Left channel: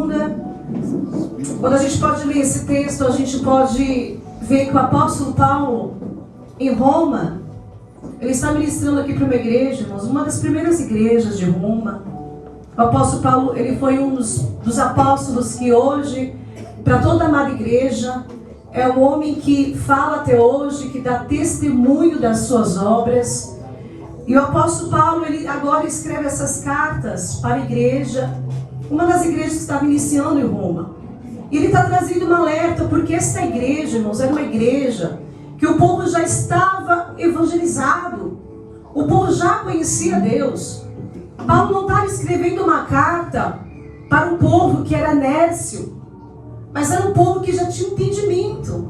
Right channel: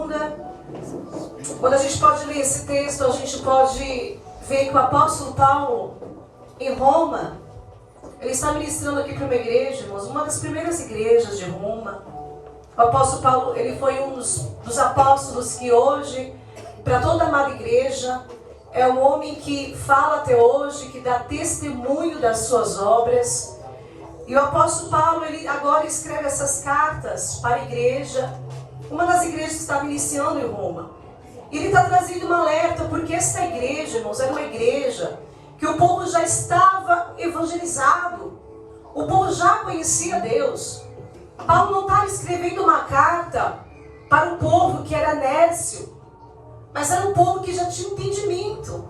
segunda. Quando a gente pode ler esse texto, a gente pode ver que o apóstolo Paulo, em Roma, ele está ministrando aqui para uma igreja, irmãos, uma das primeiras igrejas de Roma. O apóstolo Paulo, ele foi um dos apóstolos que hoje, para toda a amada igreja, é o homem que fala até hoje, que dá testemunho das suas obras. E o apóstolo Paulo, ele agora escreve essas cartas para a igreja, uma das igrejas que estava iniciando em Roma. E ele está trazendo um alerta, porque essa igreja, irmãos, era uma igreja que o povo já estava evangelizado. O povo já conhecia Deus. Paulo não estava escrevendo uma carta para um povo que era nércio, mas era um povo que já tinha entendimento.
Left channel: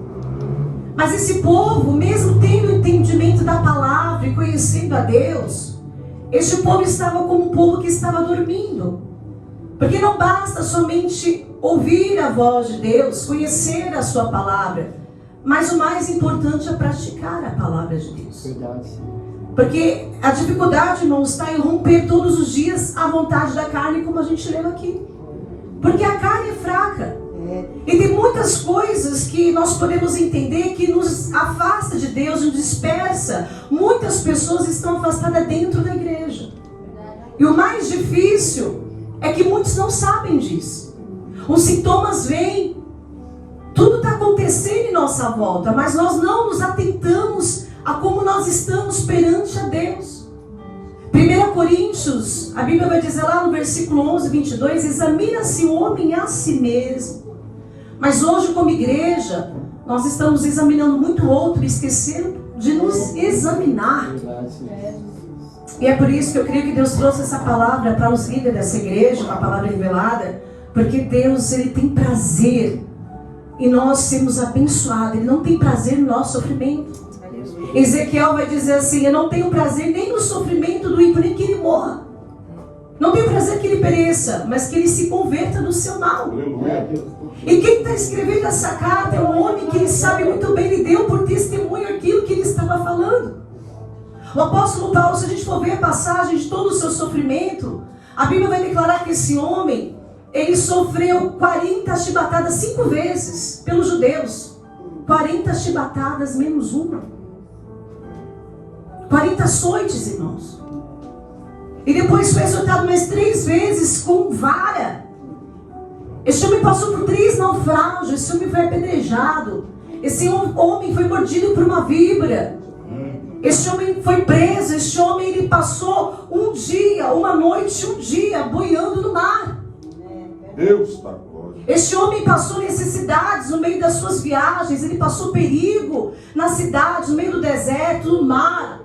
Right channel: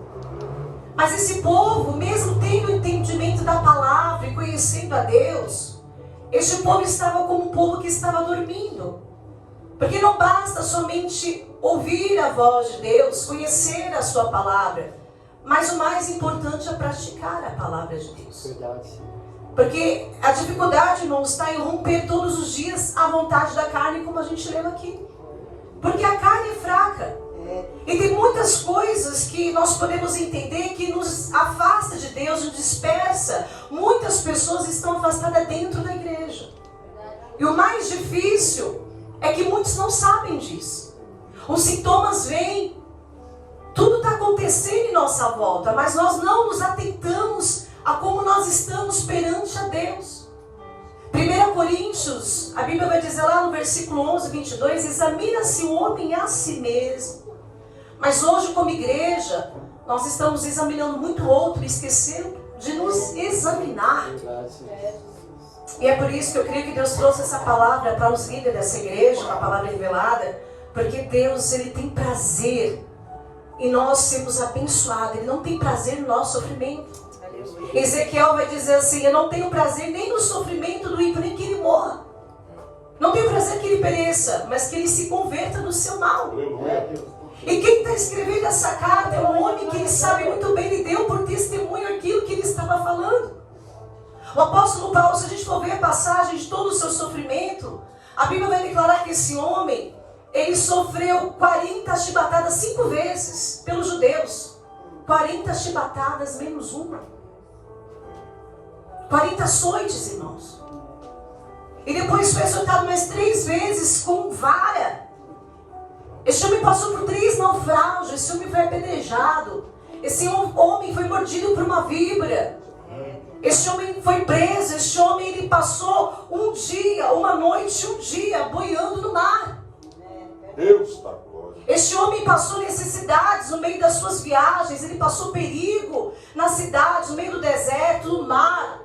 Mas esse povo, mesmo tendo o entendimento da palavra e conhecendo a Deus, este povo estava como um povo que estava dormindo. Porque não basta somente ouvir a voz de Deus, conhecer a sua palavra, mas o mais importante é praticar a palavra de Deus. Porque a dificuldade, irmãos, está em romper todos os dias a vontade da carne, como a gente leu aqui. Porque a carne é fraca. E tem muitas coisas que nós podemos entender que nos afasta de Deus, nos dispersa. Muitas pessoas estão afastadas dentro da igreja. E o mais difícil é que muitos não sabem disso. Os sintomas vêm, tudo está acontecendo em nossa volta, mas nós não nos atentamos a como nós estamos perante a Deus. 1 Coríntios, a Bíblia vai dizer lá no versículo 11, 22, examina-se o homem a si mesmo. Mas hoje, como igreja, nós estamos examinando muito o outro, esquecendo de nos examinar. E é por isso que eu creio que Deus trouxe essa palavra para os líderes dessa igreja, uma palavra revelada, porque Deus, Ele tem prazer em nós sermos abençoados. Ele não tem prazer no nosso sofrimento. Ezequiel vai dizer assim: eu não tenho prazer nem no sofrimento do ímpio, nem que ele morra. Não tenho prazer que ele pereça, mas que ele se converta do seu mal. E quem está escrevendo essa carta é um homem que ele sabe muito bem, ele deu por testemunho aquilo que ele estava falando. O apóstolo Paulo, se a gente for ver a passagem de todo o seu sofrimento, a Bíblia vai declarar que esse homem, ele sofreu 40 chibatadas 5 vezes pelos judeus. 40 chibatadas menos uma. 40 açoites, irmãos. E depois foi açoitado mais 3 vezes com vara. Esse homem passou por 3 naufrágios. Esse homem foi apedrejado. Esse homem foi mordido por uma víbora. Esse homem foi preso. Esse homem, ele passou um dia, uma noite, um dia boiando no mar. Deus está. Este homem passou necessidades no meio das suas viagens. Ele passou perigo na cidade, no meio do deserto, no mar.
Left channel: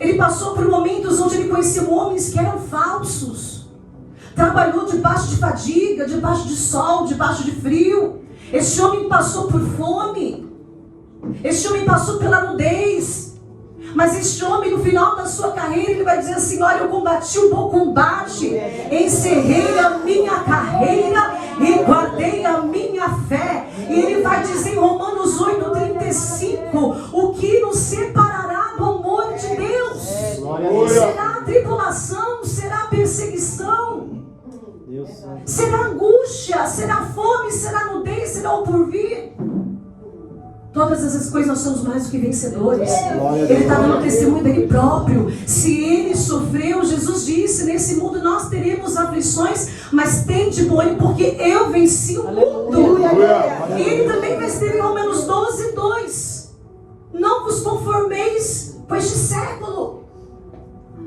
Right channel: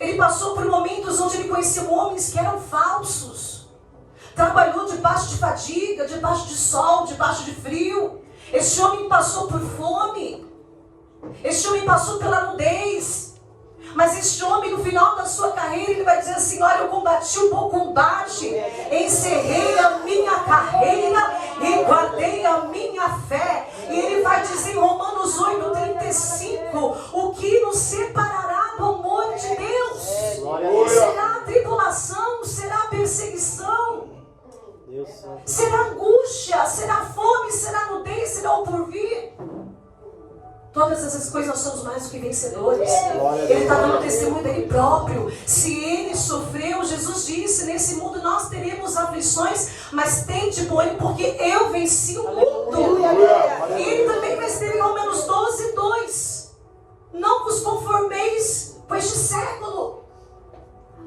Ele passou por momentos onde ele conheceu homens que eram falsos. Trabalhou debaixo de fadiga, debaixo de sol, debaixo de frio. Este homem passou por fome. Este homem passou pela nudez. Mas este homem, no final da sua carreira, ele vai dizer assim: olha, eu combati um bom combate, encerrei a minha carreira e guardei a minha fé. E ele vai dizer em Romanos 8:35, o que nos separará do amor de Deus? Será a tribulação, será a perseguição, será a angústia, será a fome, será a nudez, será o porvir. Todas essas coisas nós somos mais do que vencedores. Ele está dando testemunho dele próprio. Se ele sofreu, Jesus disse: nesse mundo nós teremos aflições, mas tende bom ânimo, porque eu venci o mundo. E ele também vai escrever em Romanos 12:2: não vos conformeis com este século,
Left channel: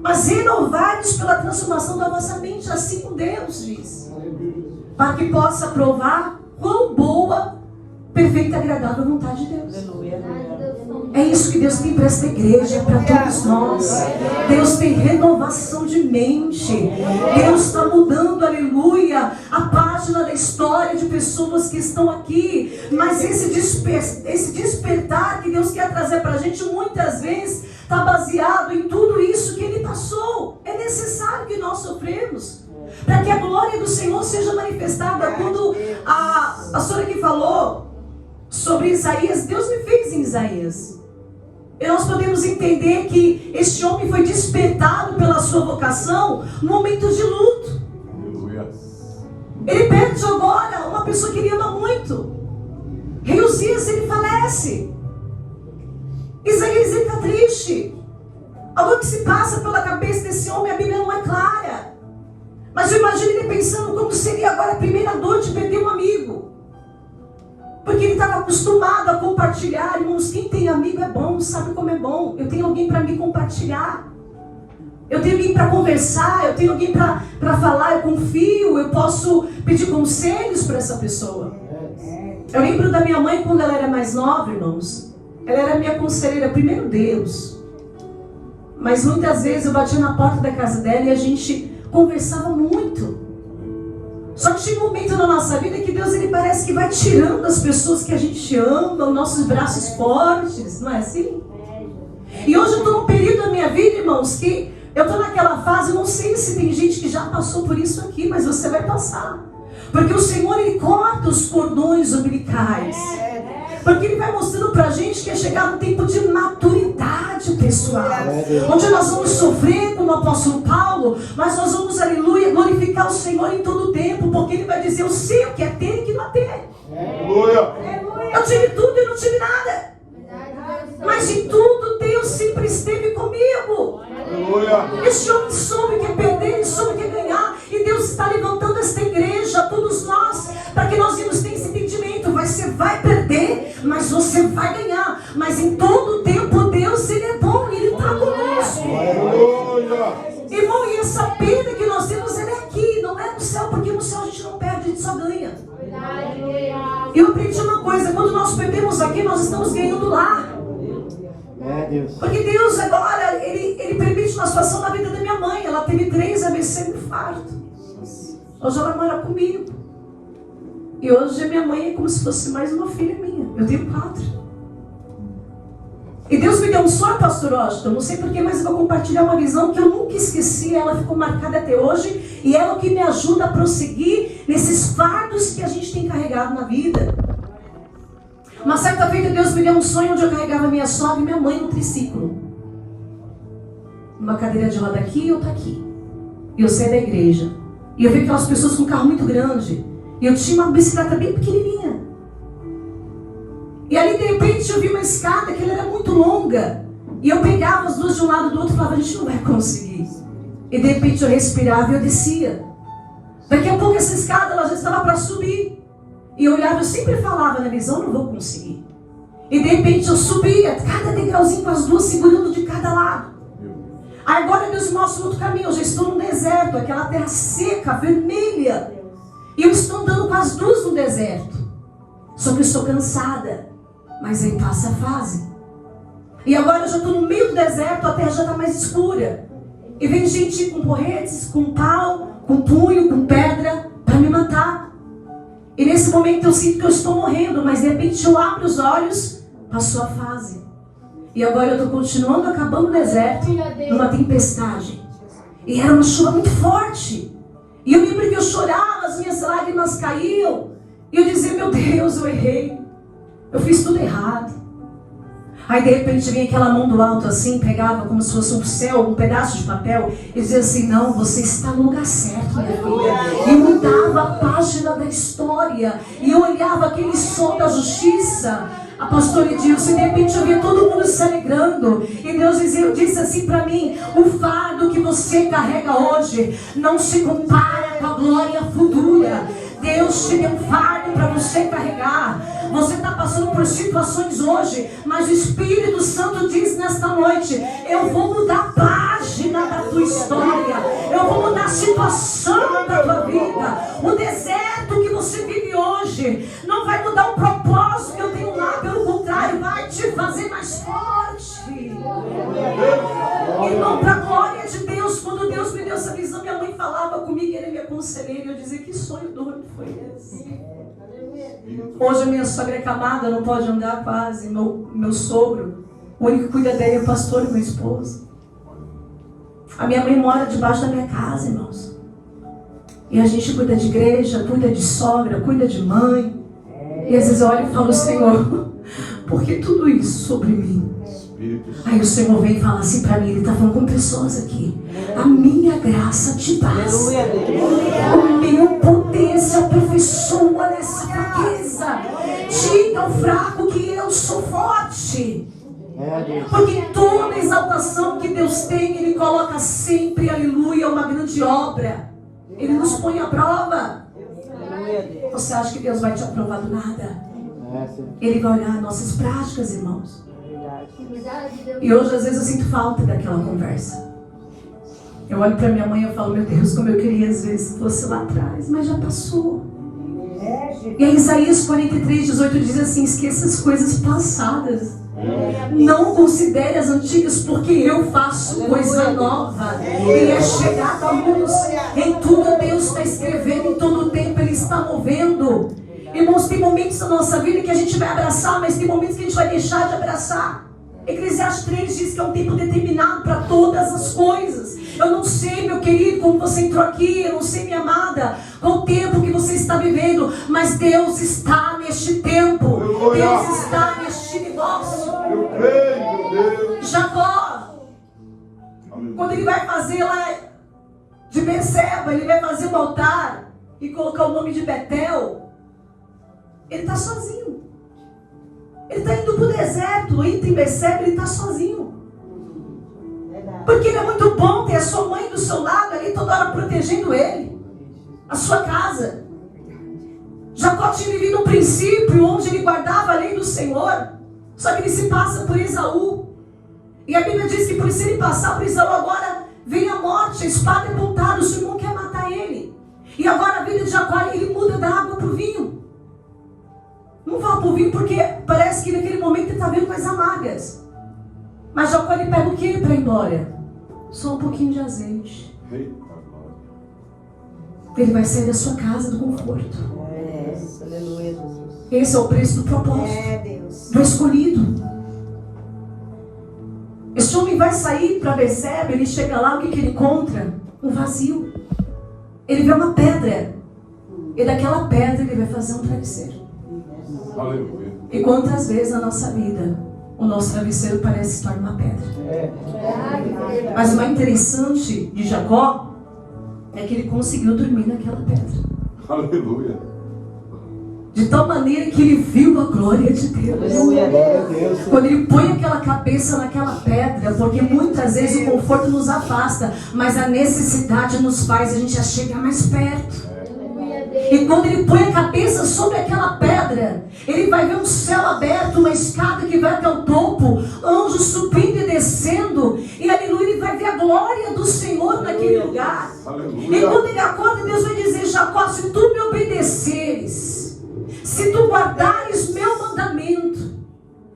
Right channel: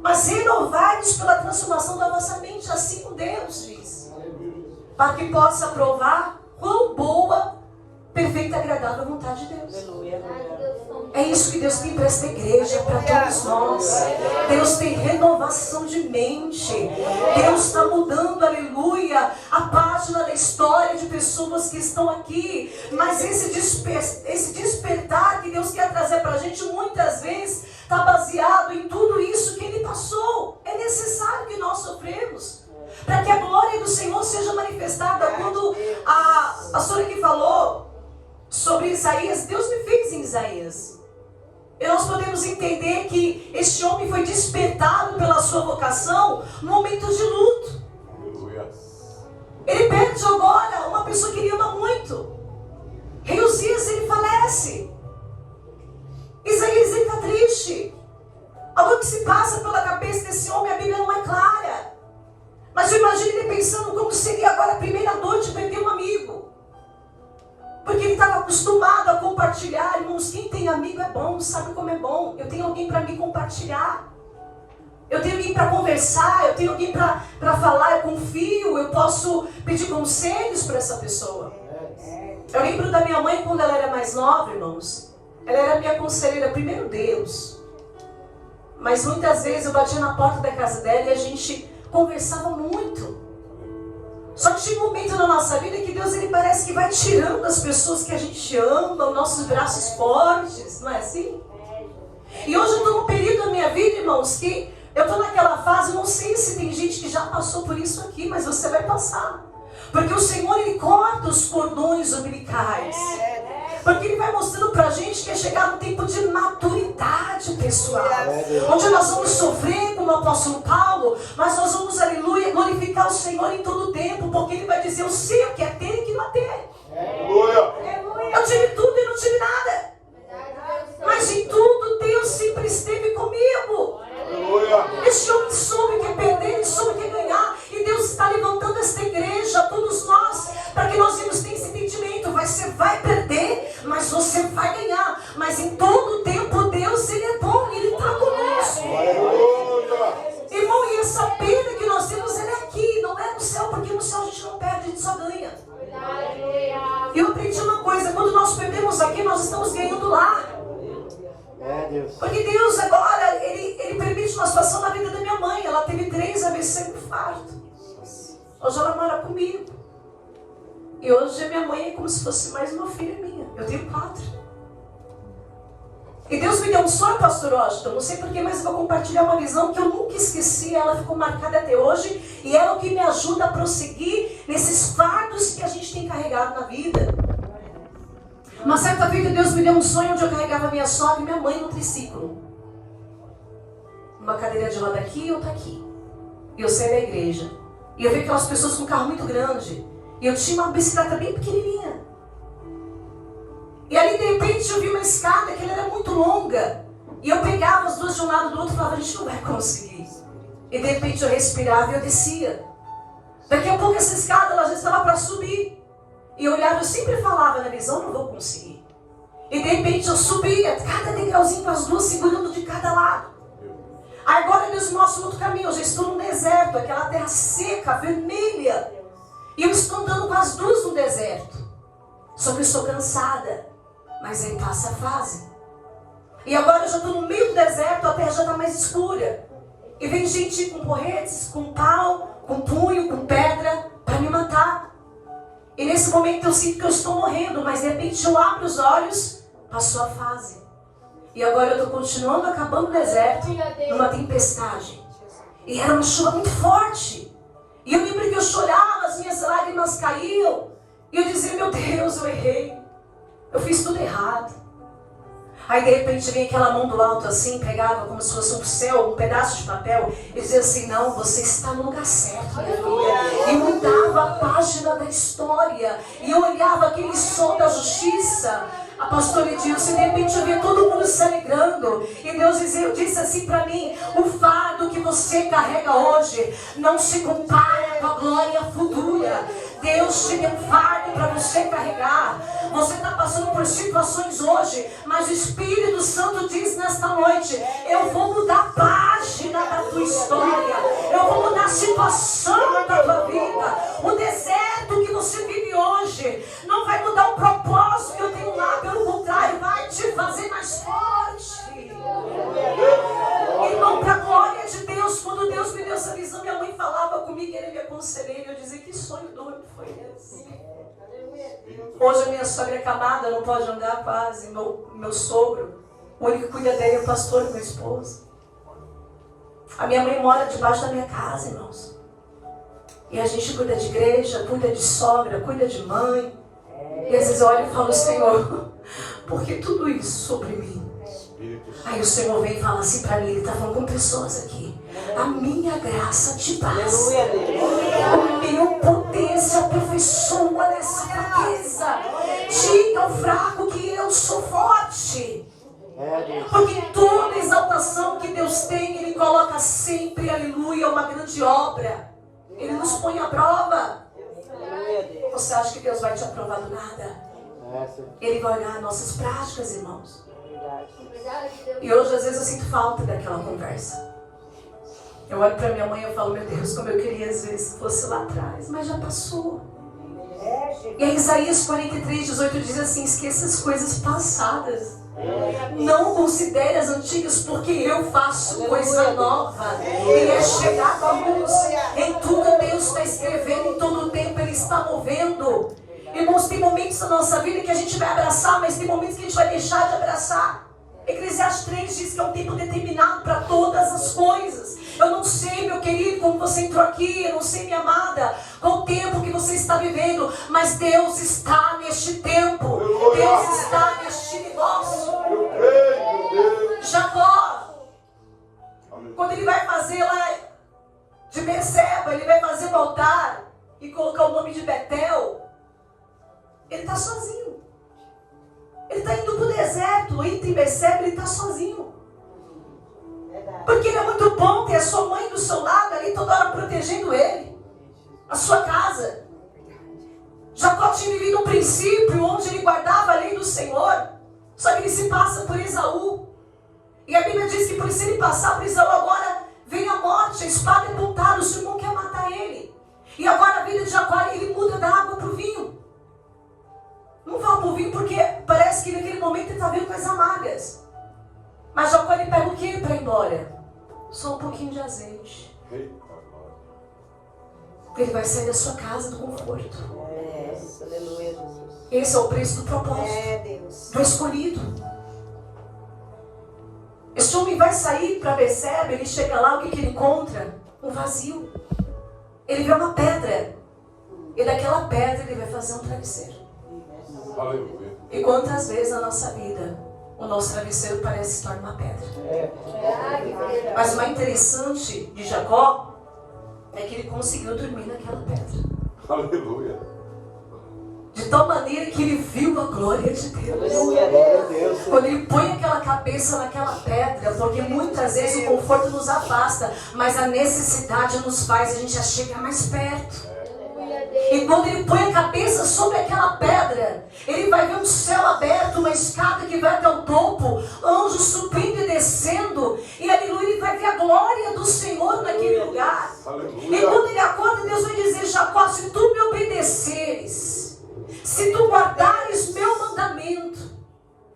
mas renovai-vos pela transformação da vossa mente. Assim como Deus diz, para que possa provar quão boa, perfeita e agradável a vontade de Deus. É isso que Deus tem para esta igreja, para todos nós. Deus tem renovação de mente. Deus está mudando, aleluia, a página da história de pessoas que estão aqui. Mas esse despertar que Deus quer trazer para a gente, muitas vezes está baseado em tudo isso que Ele passou. É necessário que nós sofremos para que a glória do Senhor seja manifestada. Quando a pastora aqui falou sobre Isaías, Deus me fez em Isaías. E nós podemos entender que este homem foi despertado pela sua vocação no momento de luto. Ele perde agora pessoa que ele ama muito. Rei Uzias, ele falece. Isaías, ele está triste. Algo que se passa pela cabeça desse homem, a Bíblia não é clara. Mas eu imagino ele pensando como seria agora a primeira dor de perder um amigo. Porque ele estava acostumado a compartilhar. Irmãos, quem tem amigo é bom, sabe como é bom. Eu tenho alguém para me compartilhar. Eu tenho alguém para conversar, eu tenho alguém para falar, eu confio, eu posso pedir conselhos para essa pessoa. Eu lembro da minha mãe quando ela era mais nova, irmãos. Ela era minha conselheira, primeiro Deus. Mas muitas vezes eu batia na porta da casa dela e a gente conversava muito. Só que chega um momento na nossa vida que Deus, ele parece que vai tirando as pessoas que a gente ama, os nossos braços fortes, não é assim? E hoje eu estou num período da minha vida, irmãos, que eu estou naquela fase, eu não sei se tem gente que já passou por isso aqui, mas você vai passar. Porque o Senhor, ele corta os cordões umbilicais. Porque ele vai mostrando pra gente que é chegado um tempo de maturidade pessoal. Onde nós vamos sofrer como o apóstolo Paulo, mas nós vamos, aleluia, glorificar o Senhor em todo o tempo. Porque ele vai dizer, eu sei o que é ter e o que não é ter. Eu tive tudo e não tive nada. Mas em tudo Deus sempre esteve comigo. Esse homem soube que é perder, ele soube que é ganhar. E Deus está levantando esta igreja, todos nós, para que nós vamos ter esse entendimento. Você vai perder, mas você vai ganhar. Mas em todo o tempo Deus, ele é bom, ele está conosco. Irmão, e essa perda que nós temos, ela é aqui, não é no céu. Porque no céu a gente não perde, a gente só ganha. Eu aprendi uma coisa, quando nós perdemos aqui, nós estamos ganhando lá. Porque Deus agora, ele permite uma situação na vida da minha mãe. Ela teve 3 AVC no infarto. Hoje ela mora comigo. E hoje a minha mãe é como se fosse mais uma filha minha. Eu tenho 4. E Deus me deu um sonho, pastor Washington. Não sei porquê, mas eu vou compartilhar uma visão que eu nunca esqueci. Ela ficou marcada até hoje. E ela é o que me ajuda a prosseguir nesses fardos que a gente tem carregado na vida. Uma certa feita Deus me deu um sonho onde eu carregava minha sogra e minha mãe no triciclo. Uma cadeira de roda aqui e outra aqui. E eu saí da igreja. E eu vi aquelas pessoas com um carro muito grande. E eu tinha uma bicicleta bem pequenininha. E ali de repente eu vi uma escada que ela era muito longa. E eu pegava as duas de um lado e do outro e falava, a gente não vai conseguir. E de repente eu respirava e eu descia. Daqui a pouco essa escada ela já estava para subir. E eu olhava, eu sempre falava na visão, não vou conseguir. E de repente eu subia, cada degrauzinho com as duas segurando de cada lado. Aí agora Deus me mostra outro caminho, eu já estou no deserto, aquela terra seca, vermelha. E eu estou andando com as duas no deserto. Só que eu estou cansada. Mas aí passa a fase. E agora eu já estou no meio do deserto, a terra já está mais escura. E vem gente com porretes, com pau, com punho, com pedra, para me matar. E nesse momento eu sinto que eu estou morrendo, mas de repente eu abro os olhos, passou a fase. E agora eu estou continuando acabando o deserto, numa tempestade. E era uma chuva muito forte. E eu lembro que eu chorava, as minhas lágrimas caíam. E eu dizia, meu Deus, eu errei. Eu fiz tudo errado. Aí de repente vinha aquela mão do alto assim, pegava como se fosse um céu, um pedaço de papel, e dizia assim, não, você está no lugar certo, minha filha. E mudava a página da história. E eu olhava aquele som da justiça, a pastora Edilson, e de repente eu via todo mundo se alegrando. E Deus disse assim para mim, o fardo que você carrega hoje não se compara com a glória futura. Deus te deu um fardo para você carregar. Você está passando por situações hoje, mas o Espírito Santo diz nesta noite, eu vou mudar a página da tua história. Eu vou mudar a situação da tua vida. O deserto que você vive hoje não vai mudar o propósito que eu tenho lá. Pelo contrário, vai te fazer mais forte. Irmão, para a glória de Deus, quando Deus me deu essa visão, minha mãe falava comigo, ele me aconselhava, e eu dizia, que sonho doido foi esse? Hoje a minha sogra é acamada, não pode andar quase. Meu sogro, o único que cuida dele é o pastor e meu esposo. A minha mãe mora debaixo da minha casa, irmãos. E a gente cuida de igreja, cuida de sogra, cuida de mãe. E às vezes eu olho e falo, Senhor, por que tudo isso sobre mim? Aí o Senhor vem e fala assim para mim, ele está falando com pessoas aqui. A minha graça te basta. O meu poder se aperfeiçoa nessa Ele nos põe à prova. Você acha que Deus vai te aprovar do nada? Ele vai olhar nossas práticas, irmãos. E hoje, às vezes, eu sinto falta daquela conversa. Eu olho para minha mãe e falo, meu Deus, como eu queria, às vezes, fosse lá atrás. Mas já passou. E em Isaías 43:18 diz assim, esqueça as coisas passadas. Não considere as antigas, porque eu faço coisa nova. E é chegado a luz. Em tudo Deus está escrevendo, em todo tempo Ele está movendo. Irmãos, tem momentos na nossa vida que a gente vai abraçar, mas tem momentos que a gente vai deixar de abraçar. Eclesiastes 3 diz que é um tempo determinado para todas as coisas. Eu não sei, meu querido, como você entrou aqui, eu não sei, minha amada, qual o tempo que você está vivendo, mas Deus está neste tempo. Deus está neste negócio. Jacó, quando ele vai fazer lá de Beceba, ele vai fazer um altar e colocar o nome de Betel, ele está sozinho. Ele está indo para o deserto, entre Beceba, ele está sozinho. Porque ele é muito bom ter a sua mãe do seu lado ali toda hora protegendo ele, a sua casa. Jacó tinha vivido um princípio onde ele guardava a lei do Senhor. Só que ele se passa por Esaú. E a Bíblia diz que por isso ele passar por Esaú, agora vem a morte, a espada é apontada, o seu irmão quer matar ele. E agora a vida de Jacó, ele muda da água para o vinho. Não fala para o vinho porque parece que naquele momento ele está vendo coisas amargas. Mas Jacó, ele pega o que para ir embora? Só um pouquinho de azeite. Ele vai sair da sua casa do conforto. Esse é o preço do propósito. Do escolhido. Este homem vai sair para Beceba, ele chega lá, o que ele encontra? Um vazio. Ele vê uma pedra. E daquela pedra ele vai fazer um travesseiro. E quantas vezes na nossa vida o nosso travesseiro parece se tornar uma pedra. Mas o mais interessante de Jacó é que ele conseguiu dormir naquela pedra. Aleluia. De tal maneira que ele viu a glória de Deus. Quando ele põe aquela cabeça naquela pedra, porque muitas vezes o conforto nos afasta, mas a necessidade nos faz a gente chegar mais perto. E quando ele põe a cabeça sobre aquela pedra, ele vai ver um céu aberto, uma escada que vai até o topo, anjos subindo e descendo, e aleluia, ele vai ver a glória do Senhor naquele lugar. E quando ele acorda, Deus vai dizer, Jacó, se tu me obedeceres, se tu guardares meu mandamento,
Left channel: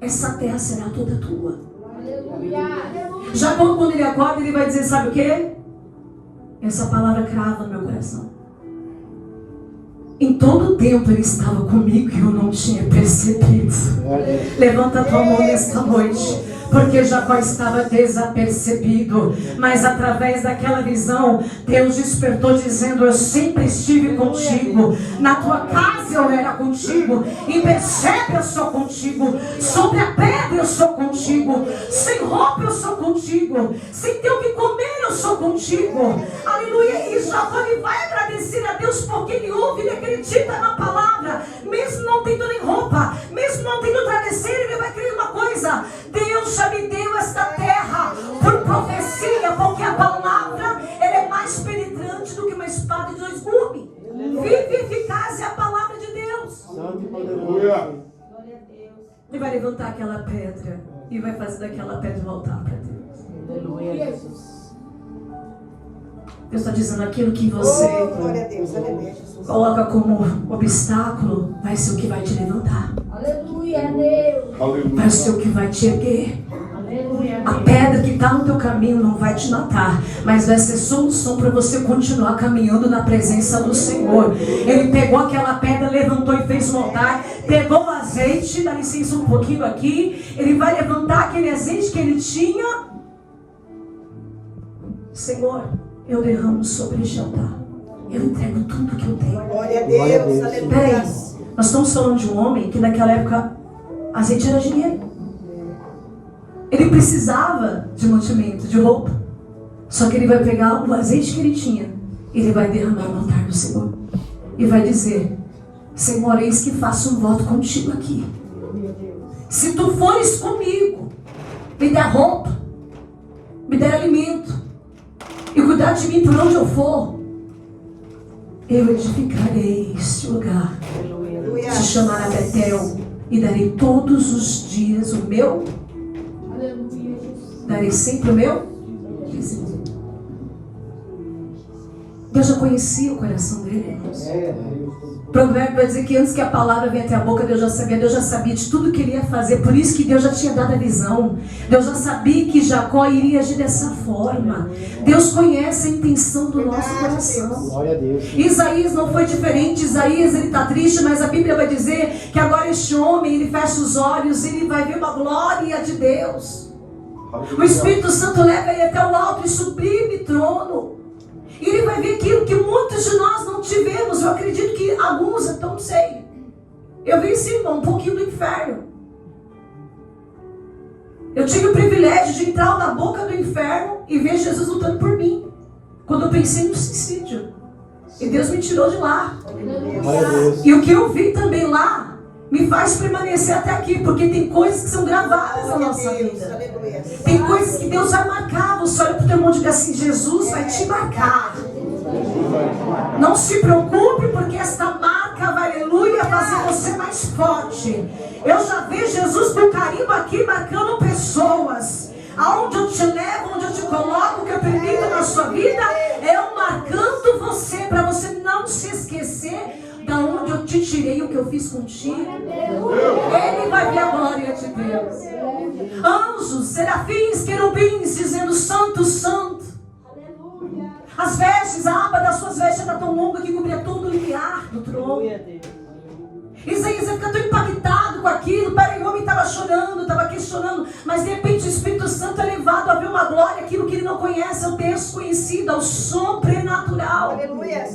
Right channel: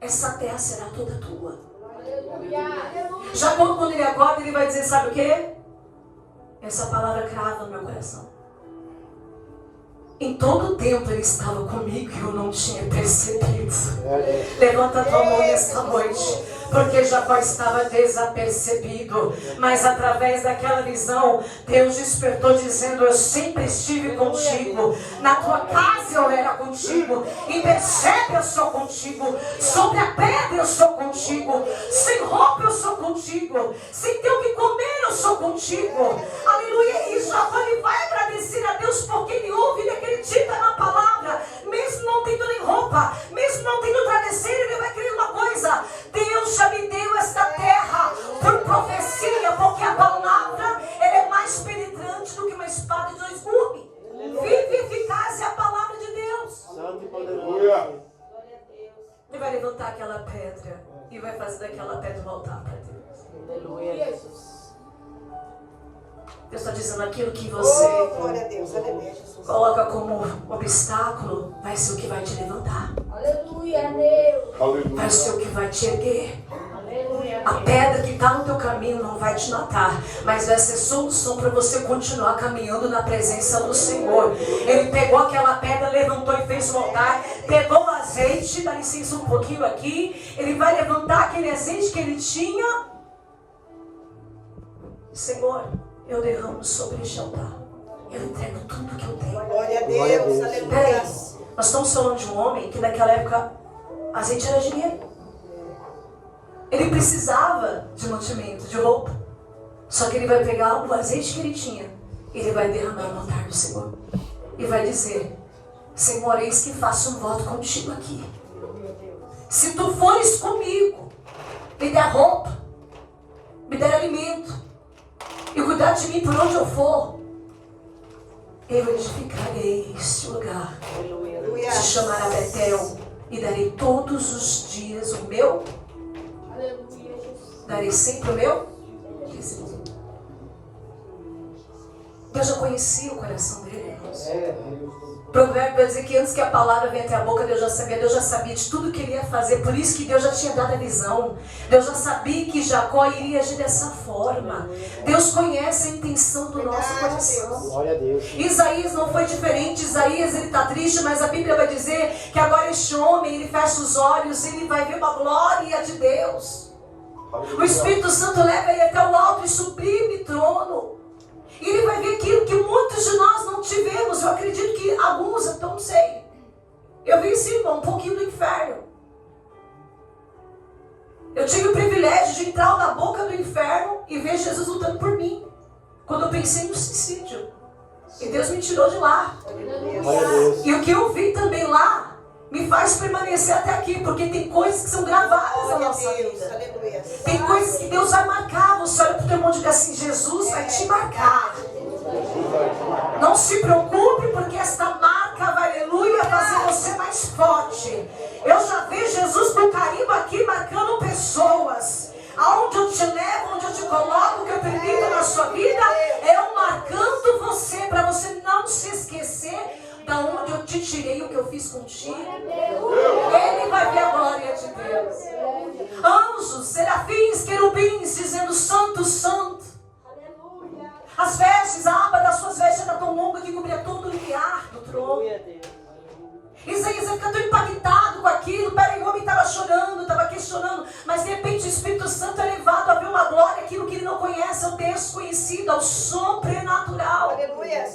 essa terra será toda tua. Jacó, quando ele acorda, ele vai dizer, sabe o que? Essa palavra crava no meu coração. Em todo o tempo ele estava comigo e eu não tinha percebido. Levanta a tua mão nesta noite, porque Jacó estava desapercebido, mas através daquela visão, Deus despertou dizendo, eu sempre estive contigo, na tua casa eu era contigo, em Beceba eu sou contigo, sobre a pedra eu sou contigo, sem roupa eu sou contigo, sem ter o que comer eu sou contigo. Aleluia. E Jacó, ele vai agradecer a Deus porque ele ouve, ele acredita na palavra, mesmo não tendo nem roupa, mesmo não tendo travesseiro, ele vai crer uma coisa, Deus já me deu esta terra por profecia, porque a palavra, ela é mais penetrante do que uma espada de dois gumes. Vive eficaz é a palavra de Deus. Ele vai levantar aquela pedra e vai fazer daquela pedra voltar para Deus. Deus está dizendo, aquilo que você coloca como obstáculo vai ser o que vai te levantar. Vai ser o que vai te erguer. A pedra que está no teu caminho não vai te matar, mas vai ser solução para você continuar caminhando na presença do Senhor. Ele pegou aquela pedra, levantou e fez um altar, pegou o azeite, dá licença um pouquinho aqui, ele vai levantar aquele azeite que ele tinha. Senhor, eu derramo sobre este altar, eu entrego tudo que eu tenho. Glória a Deus, aleluia. Peraí, nós estamos falando de um homem que naquela época azeite era dinheiro. Ele precisava de mantimento, de roupa. Só que ele vai pegar o azeite que ele tinha, ele vai derramar no altar do Senhor e vai dizer, Senhor, eis que faço um voto contigo aqui. Se tu fores comigo, me der roupa, me der alimento e cuidar de mim por onde eu for, eu edificarei este lugar, se chamará Betel, e darei todos os dias o meu, darei sempre o meu dízimo. Deus já conhecia o coração dele, irmãos. Provérbio vai dizer que antes que a palavra venha até a boca, Deus já sabia de tudo que ele ia fazer. Por isso que Deus já tinha dado a visão. Deus já sabia que Jacó iria agir dessa forma. Deus conhece a intenção do nosso coração. Isaías não foi diferente. Isaías, ele está triste, mas a Bíblia vai dizer que agora este homem, ele fecha os olhos e ele vai ver uma glória de Deus. O Espírito Santo leva ele até o alto e sublime trono. E ele vai ver aquilo que muitos de nós não tivemos. Eu acredito que alguns, então não sei. Eu vi sim, irmão, um pouquinho do inferno. Eu tive o privilégio de entrar na boca do inferno e ver Jesus lutando por mim. Quando eu pensei no suicídio. E Deus me tirou de lá. E o que eu vi também lá me faz permanecer até aqui. Porque tem coisas que são gravadas na nossa vida. Tem coisas que Deus vai marcar. Você olha para o teu mundo e diz assim: Jesus vai te marcar. Não se preocupe, porque esta marca vai, aleluia, fazer você mais forte. Eu já vejo Jesus com carimbo aqui marcando pessoas. Aonde eu te levo, onde eu te coloco, o que eu permito na sua vida, eu marcando você, para você não se esquecer da onde eu te tirei, o que eu fiz contigo. Ele vai ver a glória de Deus. Anjos, serafins, querubins, dizendo: Santo, Santo. As vestes, a aba das suas vestes era tão longa que cobria todo o limiar do trono. Isaías fica tão impactado com aquilo. Peraí, o homem estava chorando, estava questionando, mas de repente o Espírito Santo é levado a ver uma glória, aquilo que ele não conhece, ao desconhecido, ao sobrenatural. Aleluia.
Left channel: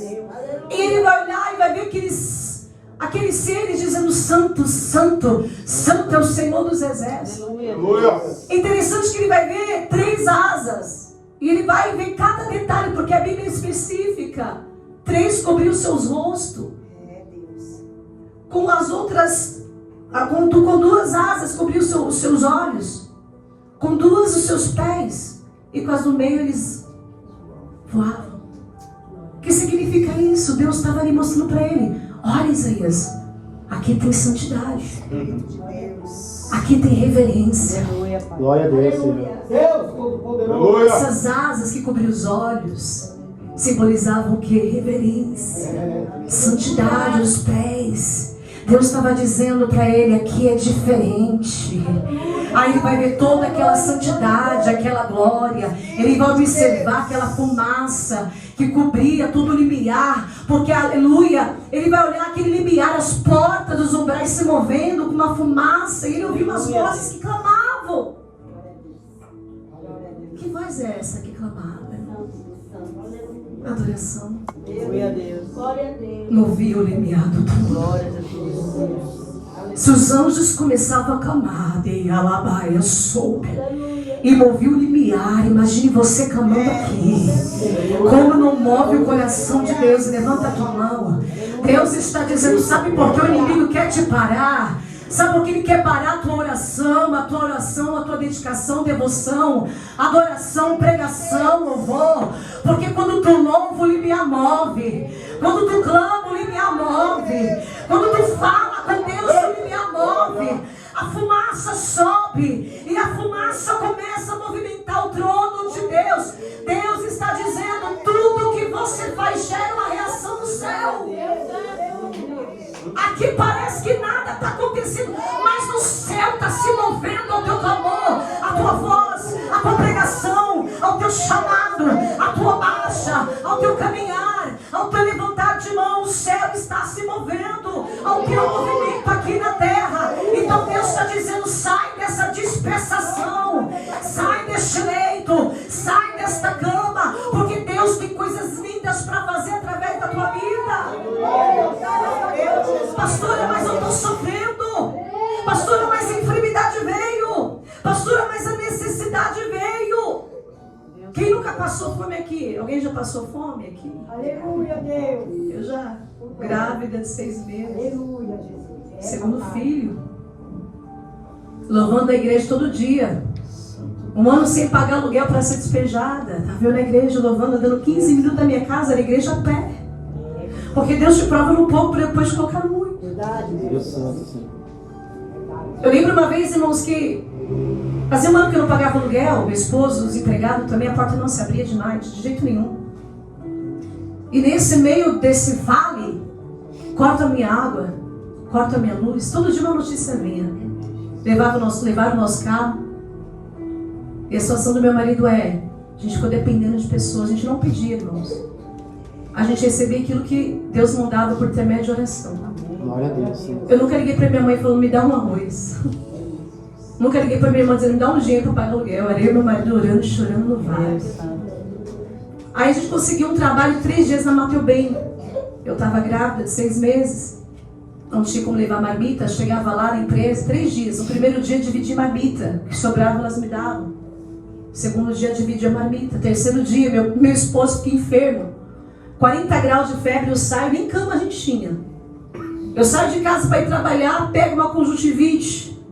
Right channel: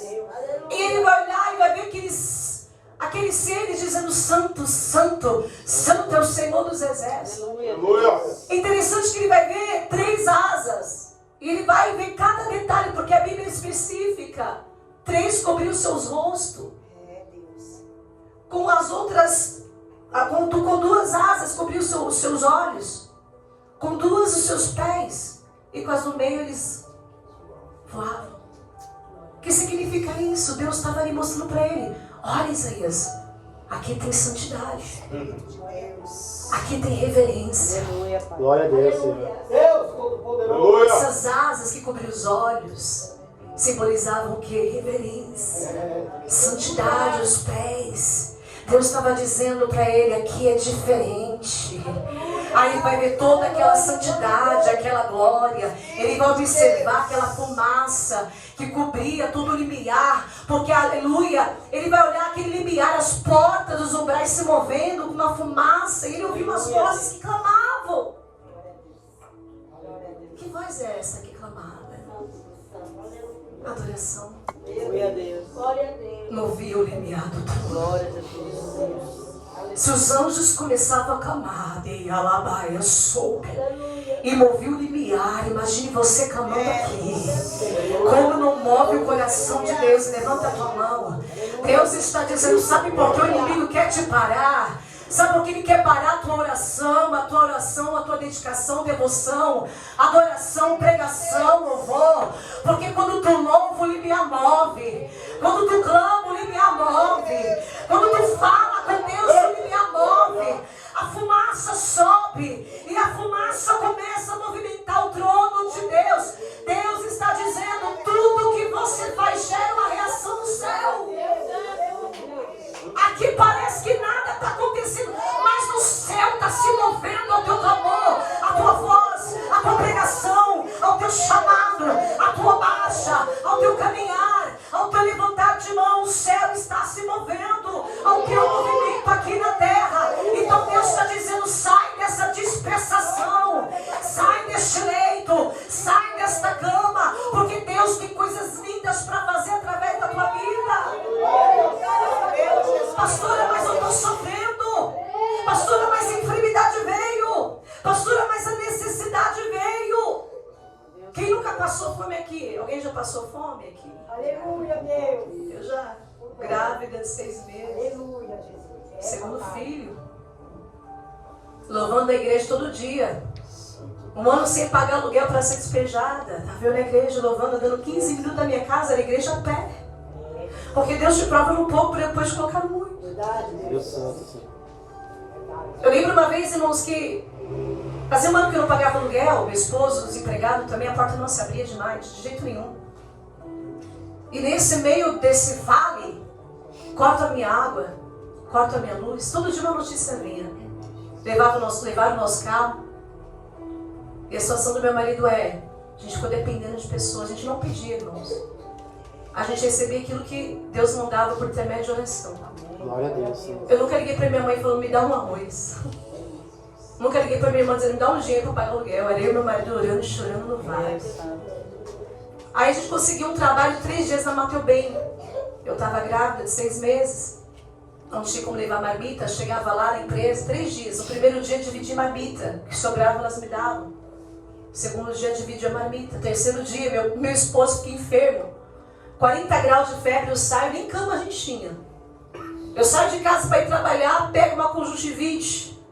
E ele vai olhar e vai ver aqueles seres dizendo: Santo, Santo, Santo é o Senhor dos Exércitos. Aleluia. É interessante que ele vai ver 3 asas. E ele vai ver cada detalhe, porque a Bíblia é específica. 3 cobriu seus rostos. Com as outras, com 2 asas cobriu os seus olhos. Com 2 os seus pés. E com as do meio eles voavam. O que significa isso? Deus estava ali mostrando para ele: olha, Isaías, aqui tem santidade. Aqui tem reverência. Glória a Deus, Senhor. Essas asas que cobriam os olhos simbolizavam o que? Reverência, santidade, os pés. Deus estava dizendo para ele: aqui é diferente. Aí ele vai ver toda aquela santidade, aquela glória. Ele vai observar aquela fumaça que cobria todo o limiar. Porque, aleluia, ele vai olhar aquele limiar, as portas dos umbrais se movendo com uma fumaça. E ele ouviu umas vozes que clamavam. Que voz é essa que clamava? Adoração. Movia o limiar do túmulo. Se os anjos começavam a clamar, de alabaia soube, e movia o limiar. Imagine você clamando aqui. Como não move o coração de Deus? Levanta a tua mão. Deus está dizendo: sabe por que o inimigo quer te parar? Sabe por que ele quer parar a tua oração, a tua dedicação, devoção, adoração, pregação, louvor? Porque quando tu louva, o limiar move. Quando tu clama, o limiar move. Quando tu fala com Deus, o limiar move. A fumaça sobe e a fumaça começa a movimentar o trono de Deus. Deus está dizendo: tudo que você faz gera uma reação do céu. Aqui parece que nada está acontecendo, mas no céu está se movendo ao teu clamor, a tua voz, a tua pregação, ao teu chamado, a tua marcha, ao teu caminhar, ao teu levantar de mão. O céu está se movendo ao teu movimento aqui na terra. Então Deus está dizendo: sai dessa dispersação, sai deste leito, sai desta cama, porque Deus tem coisas lindas para fazer através da tua vida. Pastora, mas eu estou sofrendo. Pastora, mas a enfermidade veio. Pastora, mas a necessidade veio. Quem nunca passou fome aqui? Alguém já passou fome aqui? Aleluia, Deus. Eu já. Grávida de 6 meses. Aleluia, Jesus. Segundo filho. Louvando a igreja todo dia. 1 ano sem pagar aluguel para ser despejada. Estava eu na igreja louvando, dando 15 minutos da minha casa, na igreja a pé. Porque Deus te prova no pouco para depois te colocar no muito. Eu lembro uma vez, irmãos, que fazia um ano que eu não pagava aluguel, meu esposo, desempregado também, a porta não se abria demais, de jeito nenhum. E nesse meio desse vale, corta a minha água, corta a minha luz, todo dia uma notícia vinha. Levaram o nosso carro. E a situação do meu marido é, a gente ficou dependendo de pessoas, a gente não pedia, irmãos. A gente recebia aquilo que Deus mandava por intermédio de oração. Glória a Deus. Eu nunca liguei para minha mãe falando, me dá um arroz. Nunca liguei para minha irmã dizendo, me dá um dinheiro para pagar aluguel. Era eu e meu marido orando e chorando no vale. Aí a gente conseguiu um trabalho 3 dias na Mateu Bem. Eu estava grávida de 6 meses. Não tinha como levar marmita. Chegava lá na empresa, 3 dias. No primeiro dia dividi marmita. O que sobrava elas me davam. Segundo dia dividi a marmita. Terceiro dia meu esposo fica enfermo. 40 graus de febre, eu saio, nem cama a gente tinha. Eu saio de casa para ir trabalhar, pego uma conjuntivite.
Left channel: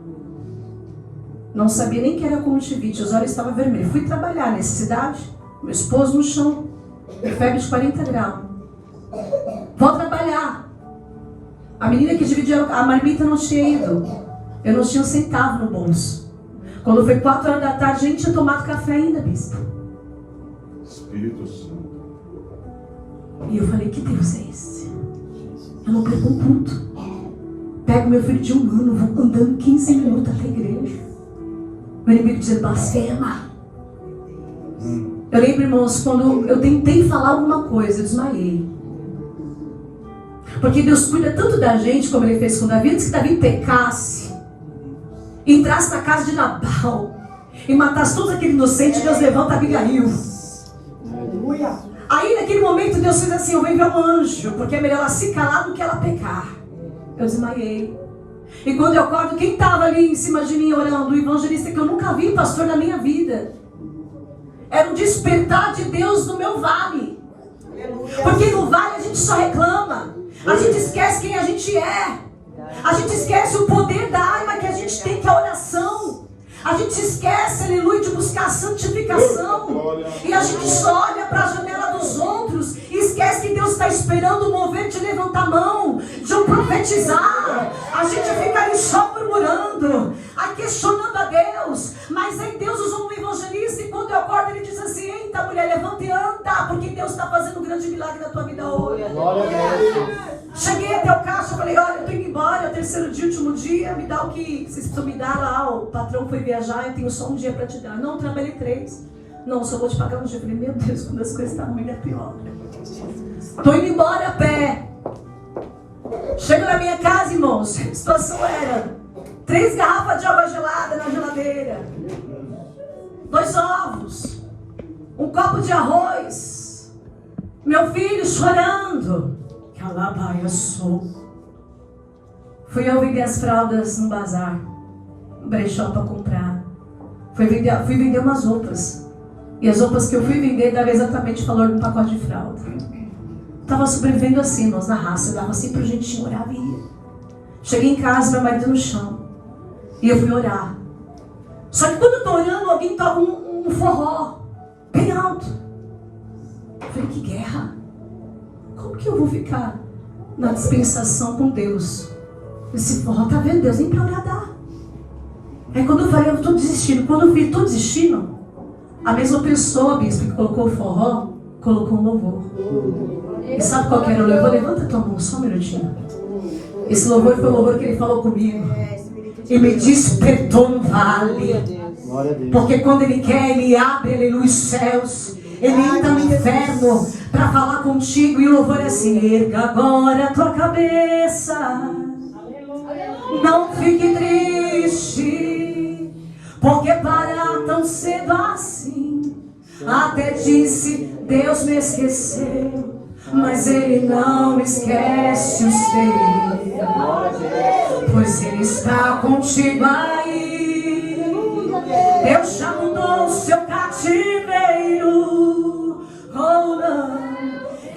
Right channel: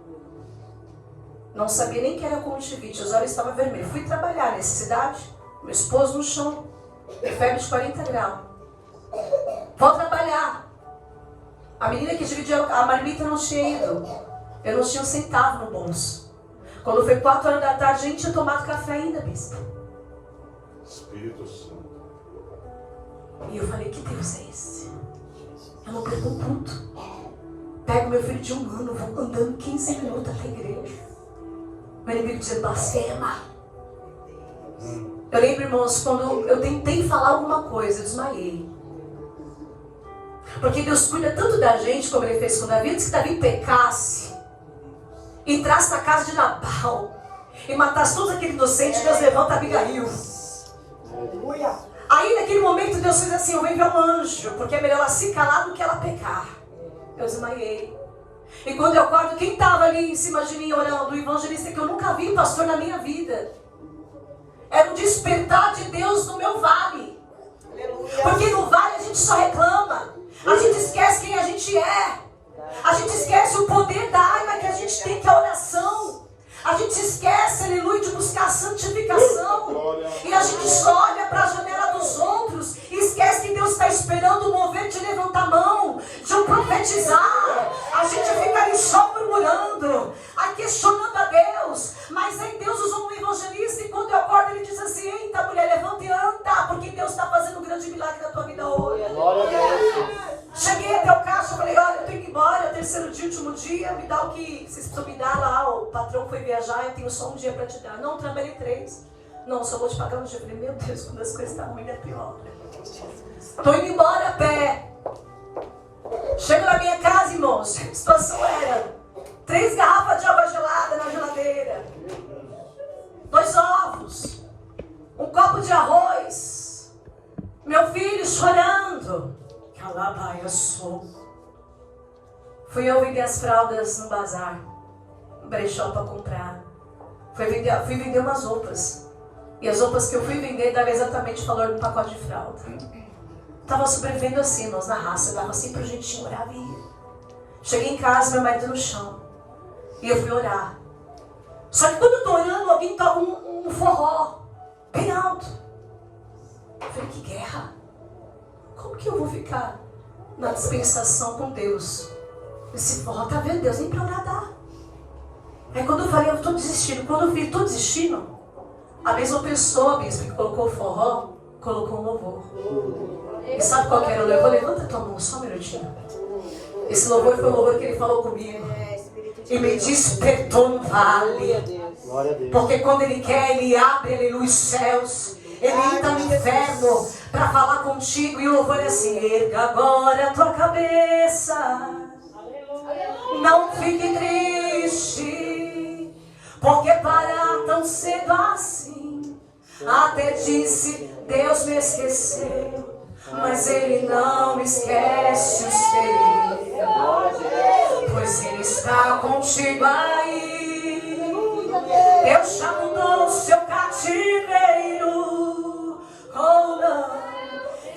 Não sabia nem que era conjuntivite, os olhos estavam vermelhos. Fui trabalhar, necessidade, meu esposo no chão, febre de 40 graus. Vou trabalhar. A menina que dividia a marmita não tinha ido. Eu não tinha um centavo no bolso. Quando foi 4 horas da tarde, a gente tinha tomado café ainda, bispo. Espírito Santo. E eu falei, que Deus é esse? Eu não perco um culto. Pego meu filho de 1 ano, vou andando 15 minutos até a igreja. O inimigo dizendo, blasfema. Eu lembro, irmãos, quando eu tentei falar alguma coisa, eu desmaiei. Porque Deus cuida tanto da gente, como Ele fez com Davi, antes que Davi pecasse, entrasse na casa de Nabal e matasse todos aqueles inocentes, Deus levanta Abigail. Aí naquele momento Deus fez assim, eu vou enviar um anjo, porque é melhor ela se calar do que ela pecar. Eu desmaiei. E quando eu acordo, quem estava ali em cima de mim orando? O evangelista que eu nunca vi, pastor, na minha vida. Era o despertar de Deus no meu vale. Porque no vale a gente só reclama. A gente esquece quem a gente é. A gente esquece o poder da arma que a gente tem, que é a oração. A gente esquece, aleluia, de buscar a santificação. E a gente só olha para a janela dos outros e esquece que Deus está esperando o mover de levantar a mão, de um profetizar. A gente fica ali só murmurando, aí questionando a Deus. Mas aí Deus usou um evangelista e quando eu acordo ele diz assim, eita mulher, levanta e anda, porque Deus está fazendo um grande milagre na tua vida hoje. Cheguei até o caixa e falei, olha, eu tô indo embora, é o 3º dia, último dia, me dá o que vocês precisam me dar lá, o patrão foi viajar, eu tenho só um dia para te dar. Não, trabalhei 3. Não, só vou te pagar um dia. Eu falei, meu Deus, quando as coisas estão ruins é pior. Tô indo embora a pé. Chego na minha casa, irmãos, a situação era 3 garrafas de água gelada na geladeira, 2 ovos, um copo de arroz, meu filho chorando. Calabaia sou. Fui eu vender as fraldas num bazar, um brechó para comprar. Fui vender umas roupas. E as roupas que eu fui vender davam exatamente o valor de um pacote de fralda. Estava sobrevivendo assim, nós na raça. Eu dava assim pro jeitinho, orava e ia. Cheguei em casa, meu marido no chão. E eu fui orar. Só que quando eu tô orando, alguém toca um forró bem alto. Eu falei, que guerra. Como que eu vou ficar na dispensação com Deus? Esse forró, tá vendo? Deus nem pra orar dá. Aí quando eu falei, eu tô desistindo. Quando eu vi, tô desistindo, a mesma pessoa, bispo, que colocou o forró, colocou um louvor. E sabe qual que era o louvor? Levanta tua mão, só um minutinho. Esse louvor foi o louvor que ele falou comigo. E me despertou no vale. Porque quando ele quer, ele abre, aleluia, os céus. Ele entra no inferno para falar contigo. E o louvor é assim, erga agora a tua cabeça. Não fique triste, porque parar tão cedo assim. Até disse, Deus me esqueceu, mas Ele não esquece os teus, pois Ele está contigo aí. Deus já mudou o seu cativeiro, oh não,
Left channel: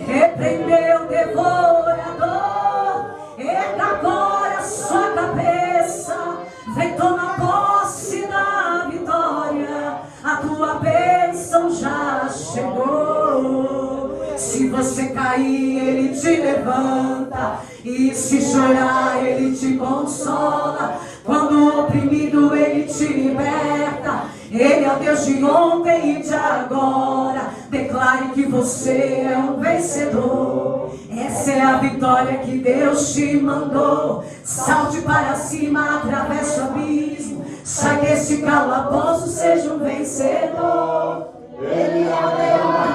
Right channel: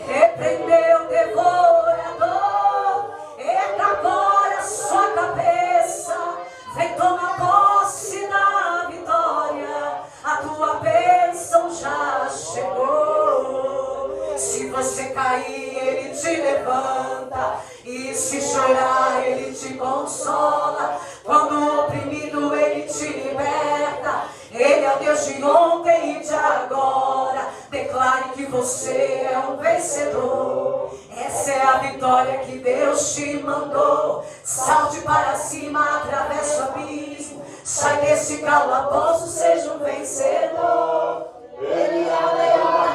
repreendeu o devorador, erga agora a sua cabeça, vem tomar posse da vitória, a tua bênção já chegou. Se você cair, Ele te levanta. E se chorar, Ele te consola. Quando o oprimido, Ele te liberta. Ele é o Deus de ontem e de agora. Declare que você é um vencedor. Essa é a vitória que Deus te mandou. Salte para cima, atravesse o abismo. Sai desse calabouço, seja um vencedor. Ele é o leão da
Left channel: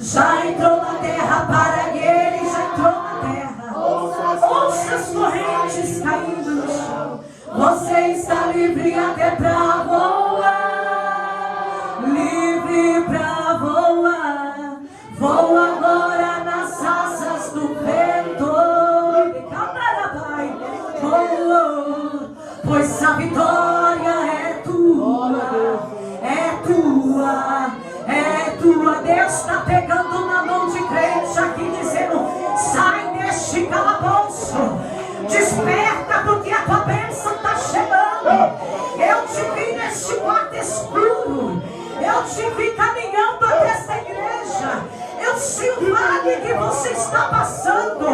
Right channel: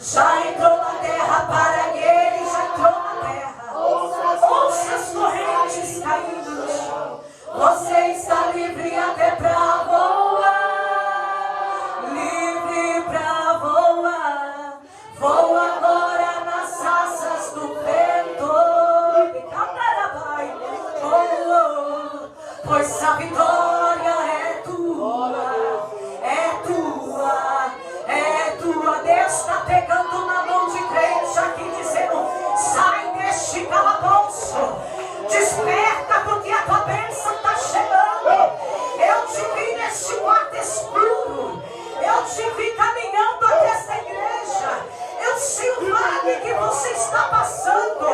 já entrou na terra, para ele já entrou na terra. Ouça as correntes caindo no chão. Você está livre até pra voar. Livre pra voar. Voa agora nas asas do vento. Voa, pois a vitória é tua. É tua. É tua. Deus está pegando na mão de crente aqui, dizendo: sai deste calabouço. Desperta, porque a tua bênção está chegando. Eu te vi neste quarto escuro. Eu te vi caminhando até esta igreja. Eu sei o vale que você está passando.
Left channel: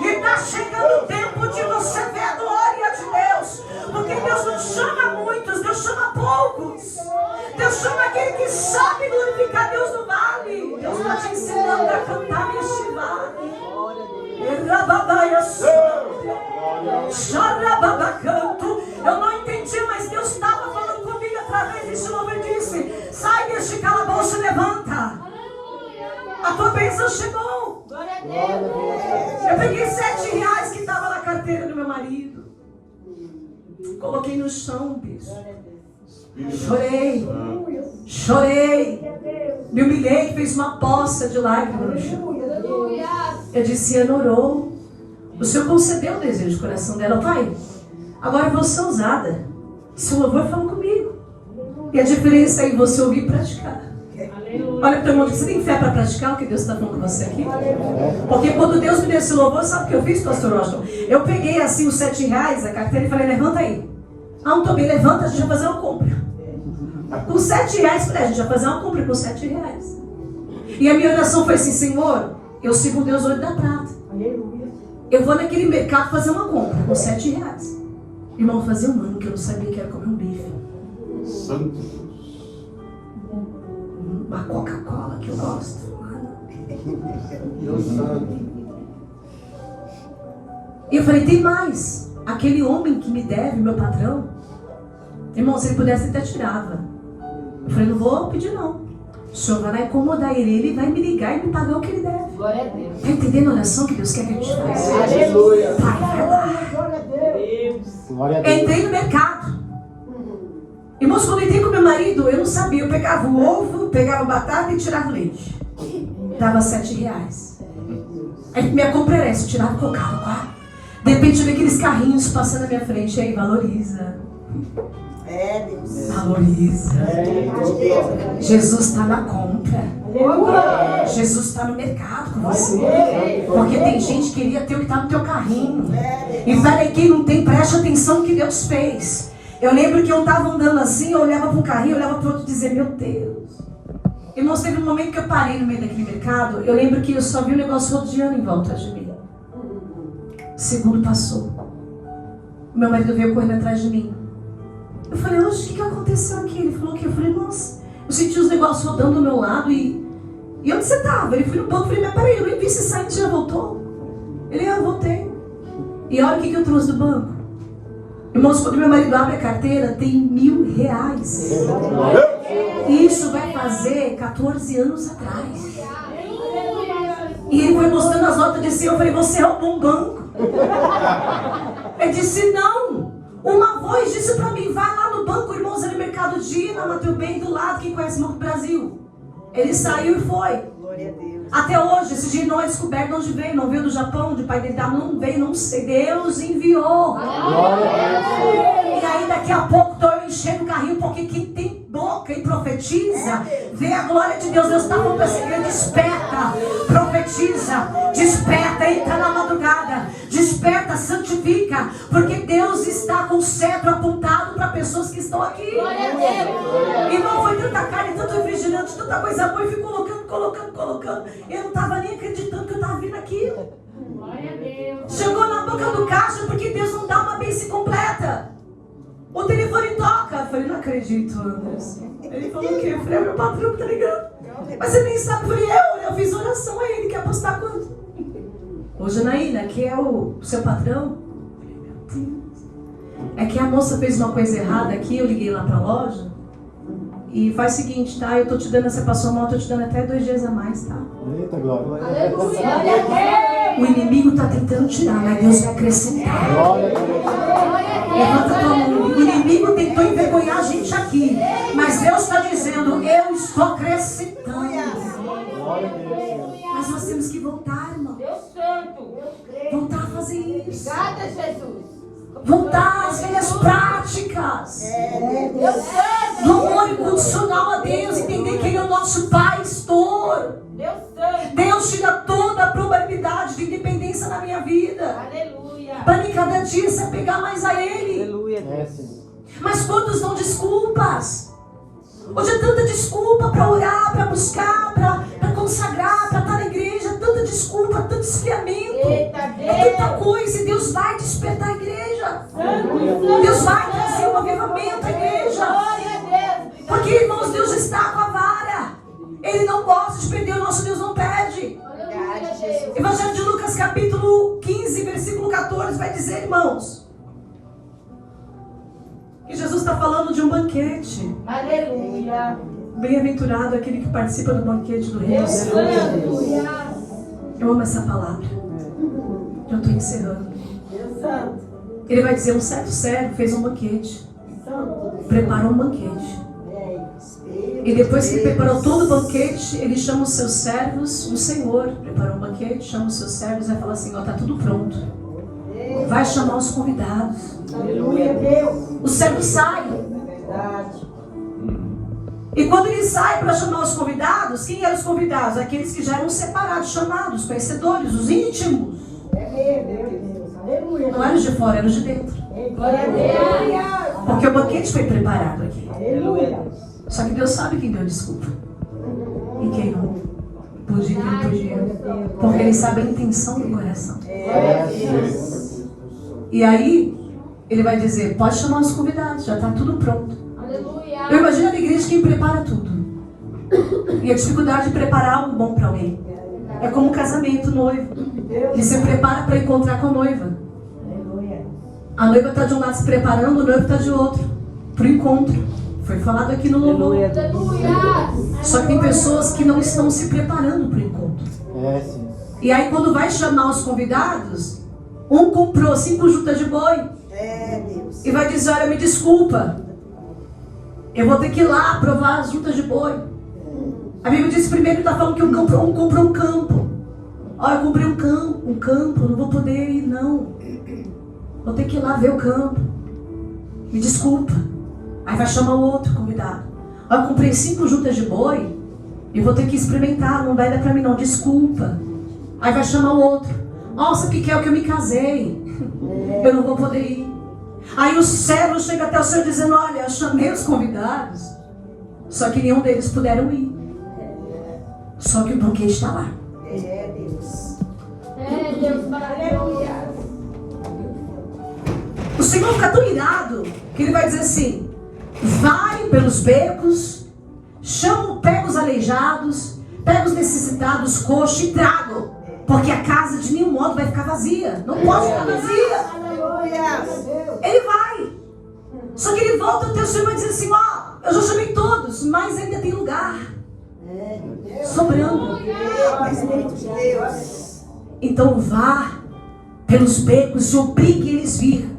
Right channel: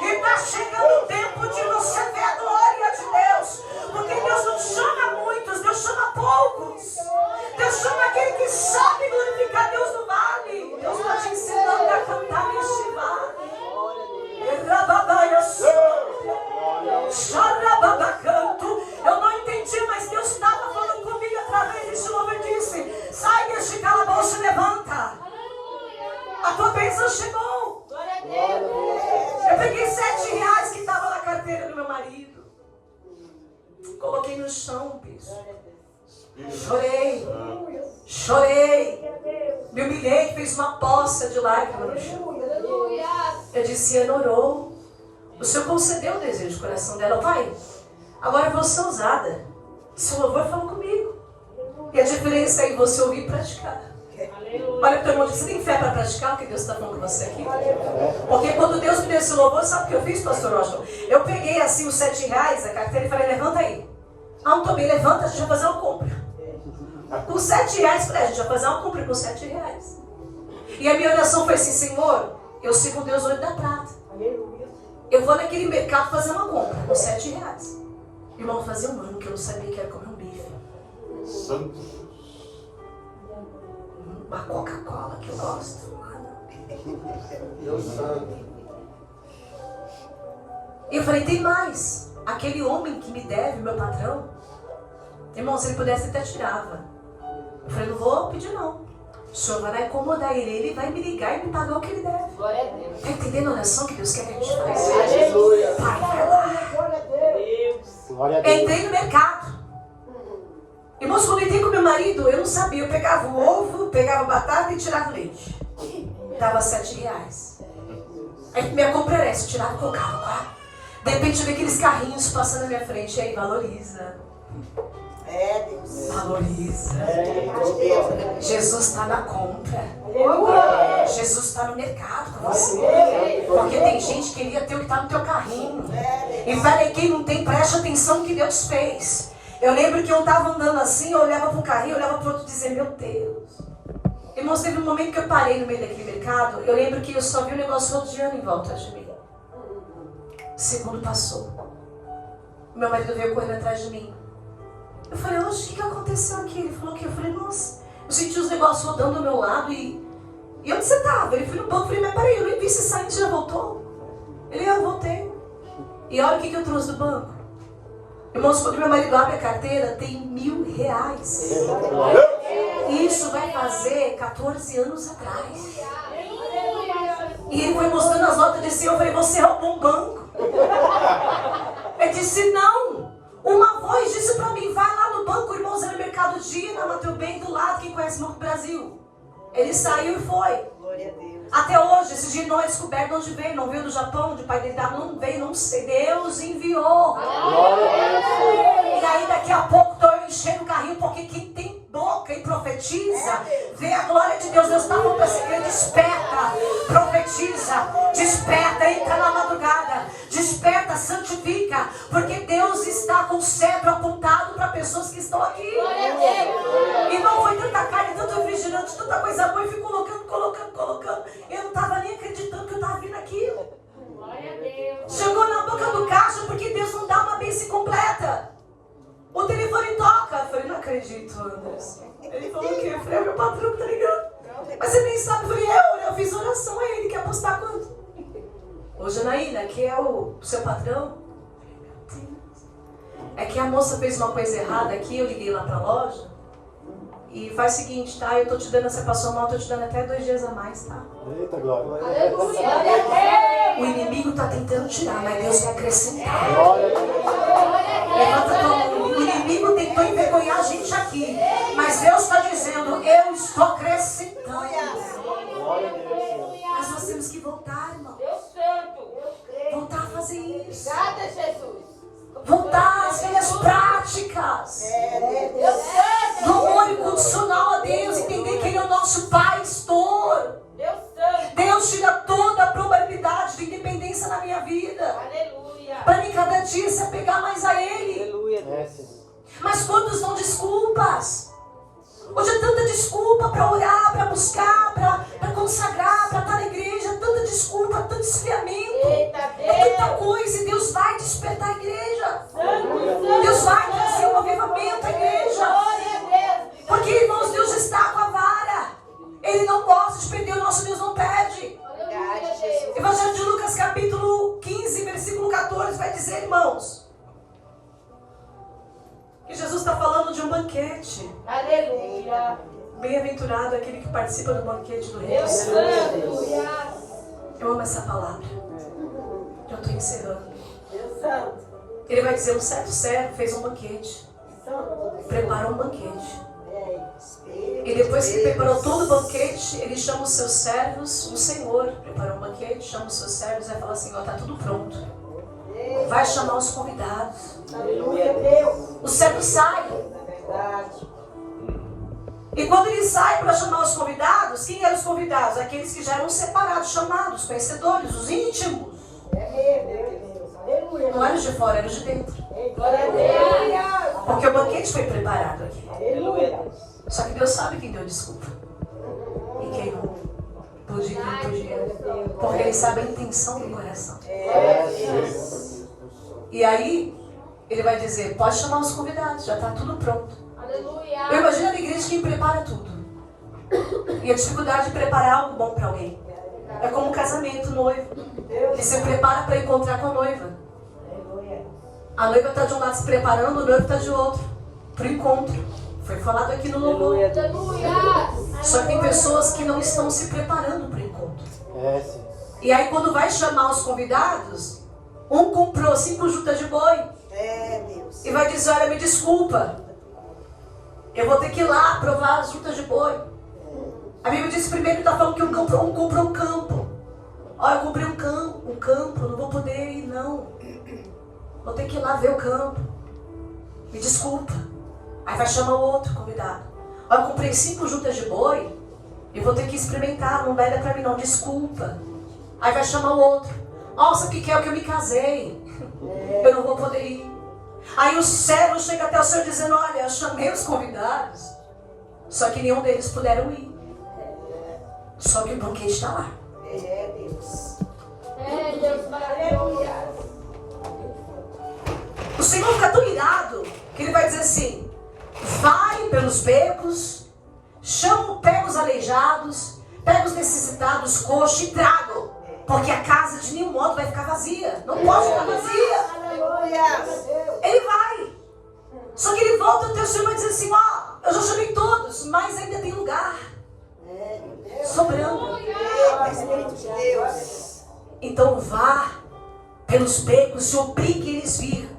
E está chegando o tempo de você ver a glória de Deus. Porque Deus não chama muitos, Deus chama poucos. Deus chama aquele que sabe glorificar Deus no vale. Deus está te ensinando a cantar neste vale. Canto. Eu não entendi, mas Deus estava falando comigo através desse louvor e disse: sai deste calabouço e levanta. A tua bênção chegou. Eu peguei R$7 que estava na carteira do meu marido. Coloquei no chão, bicho. Chorei. Me humilhei, fiz uma poça de lágrimas no chão. Eu disse: Ana orou. O Senhor concedeu o desejo do coração dela. Pai, agora eu vou ser ousada. Se o louvor falou comigo. E a diferença é em você ouvir e praticar. Olha para o teu irmão, você tem fé para praticar o que Deus está falando com você aqui? Porque quando Deus me deu esse louvor, sabe o que eu fiz, pastor Washington? Eu peguei assim os R$7, a carteira, e falei: levanta aí. Ah, não estou bem, levanta, a gente vai fazer uma compra. Com R$7, falei: a gente vai fazer uma compra com R$7. E a minha oração foi assim: Senhor, eu sigo o Deus olho da prata. Eu vou naquele mercado fazer uma compra com R$7. Irmão, fazia um ano que eu não sabia que era comer um bife. Santo. Uma Coca-Cola que eu gosto. E eu falei: tem mais. Aquele homem que me deve, meu patrão, irmão, se ele pudesse, ele até tirava. Eu falei: não vou pedir não. O Senhor vai lá incomodar ele vai me ligar e me pagar o que ele deve. Está entendendo a oração que Deus quer que a gente faça? Pai, vai lá. Entrei no mercado. Irmãos, quando eu entrei com meu marido, eu não sabia. Eu pegava o ovo, pegava batata e tirava o leite. Dava R$7. Aí minha compra era essa, eu tirava e colocava 4. De repente eu vi aqueles carrinhos passando na minha frente. Aí valoriza. Valoriza. Jesus está na compra. Jesus está no mercado com você. Porque tem gente que queria ter o que está no teu carrinho. E para quem não tem, preste atenção no que Deus fez. Eu lembro que eu estava andando assim, eu olhava para um carrinho, eu olhava para o outro e dizia: meu Deus. Irmãos, teve um momento que eu parei no meio daquele mercado. Eu lembro que eu só vi um negócio rodeando em volta de mim. Segundo passou. Meu marido veio correndo atrás de mim. Eu falei: hoje, o que aconteceu aqui? Ele falou que eu falei: nossa, eu senti os negócios rodando do meu lado e onde você estava? Ele foi no banco. Eu falei: mas peraí, eu nem vi se saindo, já voltou? Ele: eu voltei. E olha o que eu trouxe do banco. Irmãos, quando meu marido abre a carteira, tem R$1.000. E isso vai fazer 14 anos atrás. E ele foi mostrando as notas e disse: eu falei: você roubou um banco. Ele disse: não. Uma voz disse pra mim: vai lá no banco, irmãos, era no Mercado Dia, na Mateu Bem, do lado, quem conhece o Banco Brasil. Ele saiu e foi. Glória a Deus. Até hoje, esse dia não é descoberto de onde veio. Não veio do Japão, onde o pai dele não veio, não sei. Deus enviou. E aí daqui a pouco estou eu enchendo o carrinho, porque quem tem boca e profetiza, vê a glória de Deus. Deus está falando assim: desperta, profetiza, desperta, entra na madrugada, desperta, santifica, porque Deus está com o cetro apontado para pessoas que estão aqui. Irmão, foi tanta carne, tanto refrigerante, tanta coisa boa, e fui colocando colocando. Eu não estava nem acreditando que eu estava vendo aquilo. Chegou na boca do caixa, porque Deus não dá uma bênção completa. O telefone toca. Eu falei, não acredito, Anderson. Ele falou o quê? Eu falei, é meu patrão, tá ligado? Mas você nem sabe. Eu falei, eu fiz oração a ele, quer apostar quanto? Ô, Janaína, que é o seu patrão? É que a moça fez uma coisa errada aqui, eu liguei lá pra loja. E faz o seguinte, tá? Eu tô te dando, você passou mal, eu tô te dando até 2 dias a mais, tá? Eita, glória. O inimigo tá tentando tirar, mas Deus vai acrescentar. Levanta a tua mão. O inimigo tentou envergonhar a gente aqui, mas Deus está dizendo, eu estou acrescentando. Mas nós temos que voltar, irmão. Voltar a fazer isso. Voltar às velhas práticas. Do amor incondicional a Deus. Entender que Ele é o nosso pastor. Deus tira toda a probabilidade de independência na minha vida. Para mim cada dia se apegar mais a Ele. Mas quantos dão desculpas? Hoje é tanta desculpa para orar, para buscar, para consagrar, para estar na igreja. Tanta desculpa, tanto esfriamento. É tanta coisa. E Deus vai despertar a igreja. Deus vai trazer um avivamento à igreja. Porque, irmãos, Deus está com a vara. Ele não gosta de perder, o nosso Deus não perde. Evangelho de Lucas, capítulo 15, versículo 14, vai dizer, irmãos, que Jesus está falando de um banquete. Aleluia. Bem-aventurado aquele que participa do banquete do Rei dos Reis. Eu amo essa palavra. Eu estou encerrando. Ele vai dizer, um certo servo fez um banquete. Preparou um banquete. E depois que ele preparou todo o banquete, ele chama os seus servos, o Senhor preparou um banquete, chama os seus servos e vai falar assim, ó, tá tudo pronto. Vai chamar os convidados. O servo sai. E quando ele sai para chamar os convidados, quem eram os convidados? Aqueles que já eram separados, chamados, conhecedores, os íntimos. Não eram os de fora, eram os de dentro. Porque o banquete foi preparado aqui. Só que Deus sabe quem deu desculpa e quem não. Podia e não podia. Porque Ele sabe a intenção do coração. E aí, Ele vai dizer, pode chamar os convidados, já está tudo pronto. Eu imagino na igreja quem prepara tudo. E a dificuldade de preparar algo bom para alguém. É como um casamento, noivo. Ele se prepara para encontrar com a noiva. A noiva está de um lado se preparando, o noivo está de outro. Para o encontro. Foi falado aqui no louvor. Só que tem pessoas que não estão se preparando para o encontro. E aí quando vai chamar os convidados, um comprou 5 juntas de boi. E vai dizer, olha, me desculpa. Eu vou ter que ir lá provar as juntas de boi. A Bíblia diz primeiro que está falando que um comprou um campo. Olha, eu comprei um campo, não vou poder ir não. Vou ter que ir lá ver o campo. Me desculpa. Aí vai chamar o outro convidado. Olha, eu comprei 5 juntas de boi e vou ter que experimentar, não vai dar pra mim não, desculpa. Aí vai chamar o outro. Nossa, o que é o que eu me casei? Eu não vou poder ir. Aí o servo chega até o Senhor dizendo, olha, eu chamei os convidados, só que nenhum deles puderam ir. Só que o banquete está lá. O Senhor fica tão irado que Ele vai dizer assim, vai pelos becos, pega os aleijados, pega os necessitados, coxos e trago, porque a casa de nenhum modo vai ficar vazia. Não pode ficar vazia. Ele vai. Só que ele volta até o Senhor e vai dizer assim, ó, eu já chamei todos, mas ainda tem lugar sobrando. Então vá pelos becos e obrigue eles a vir.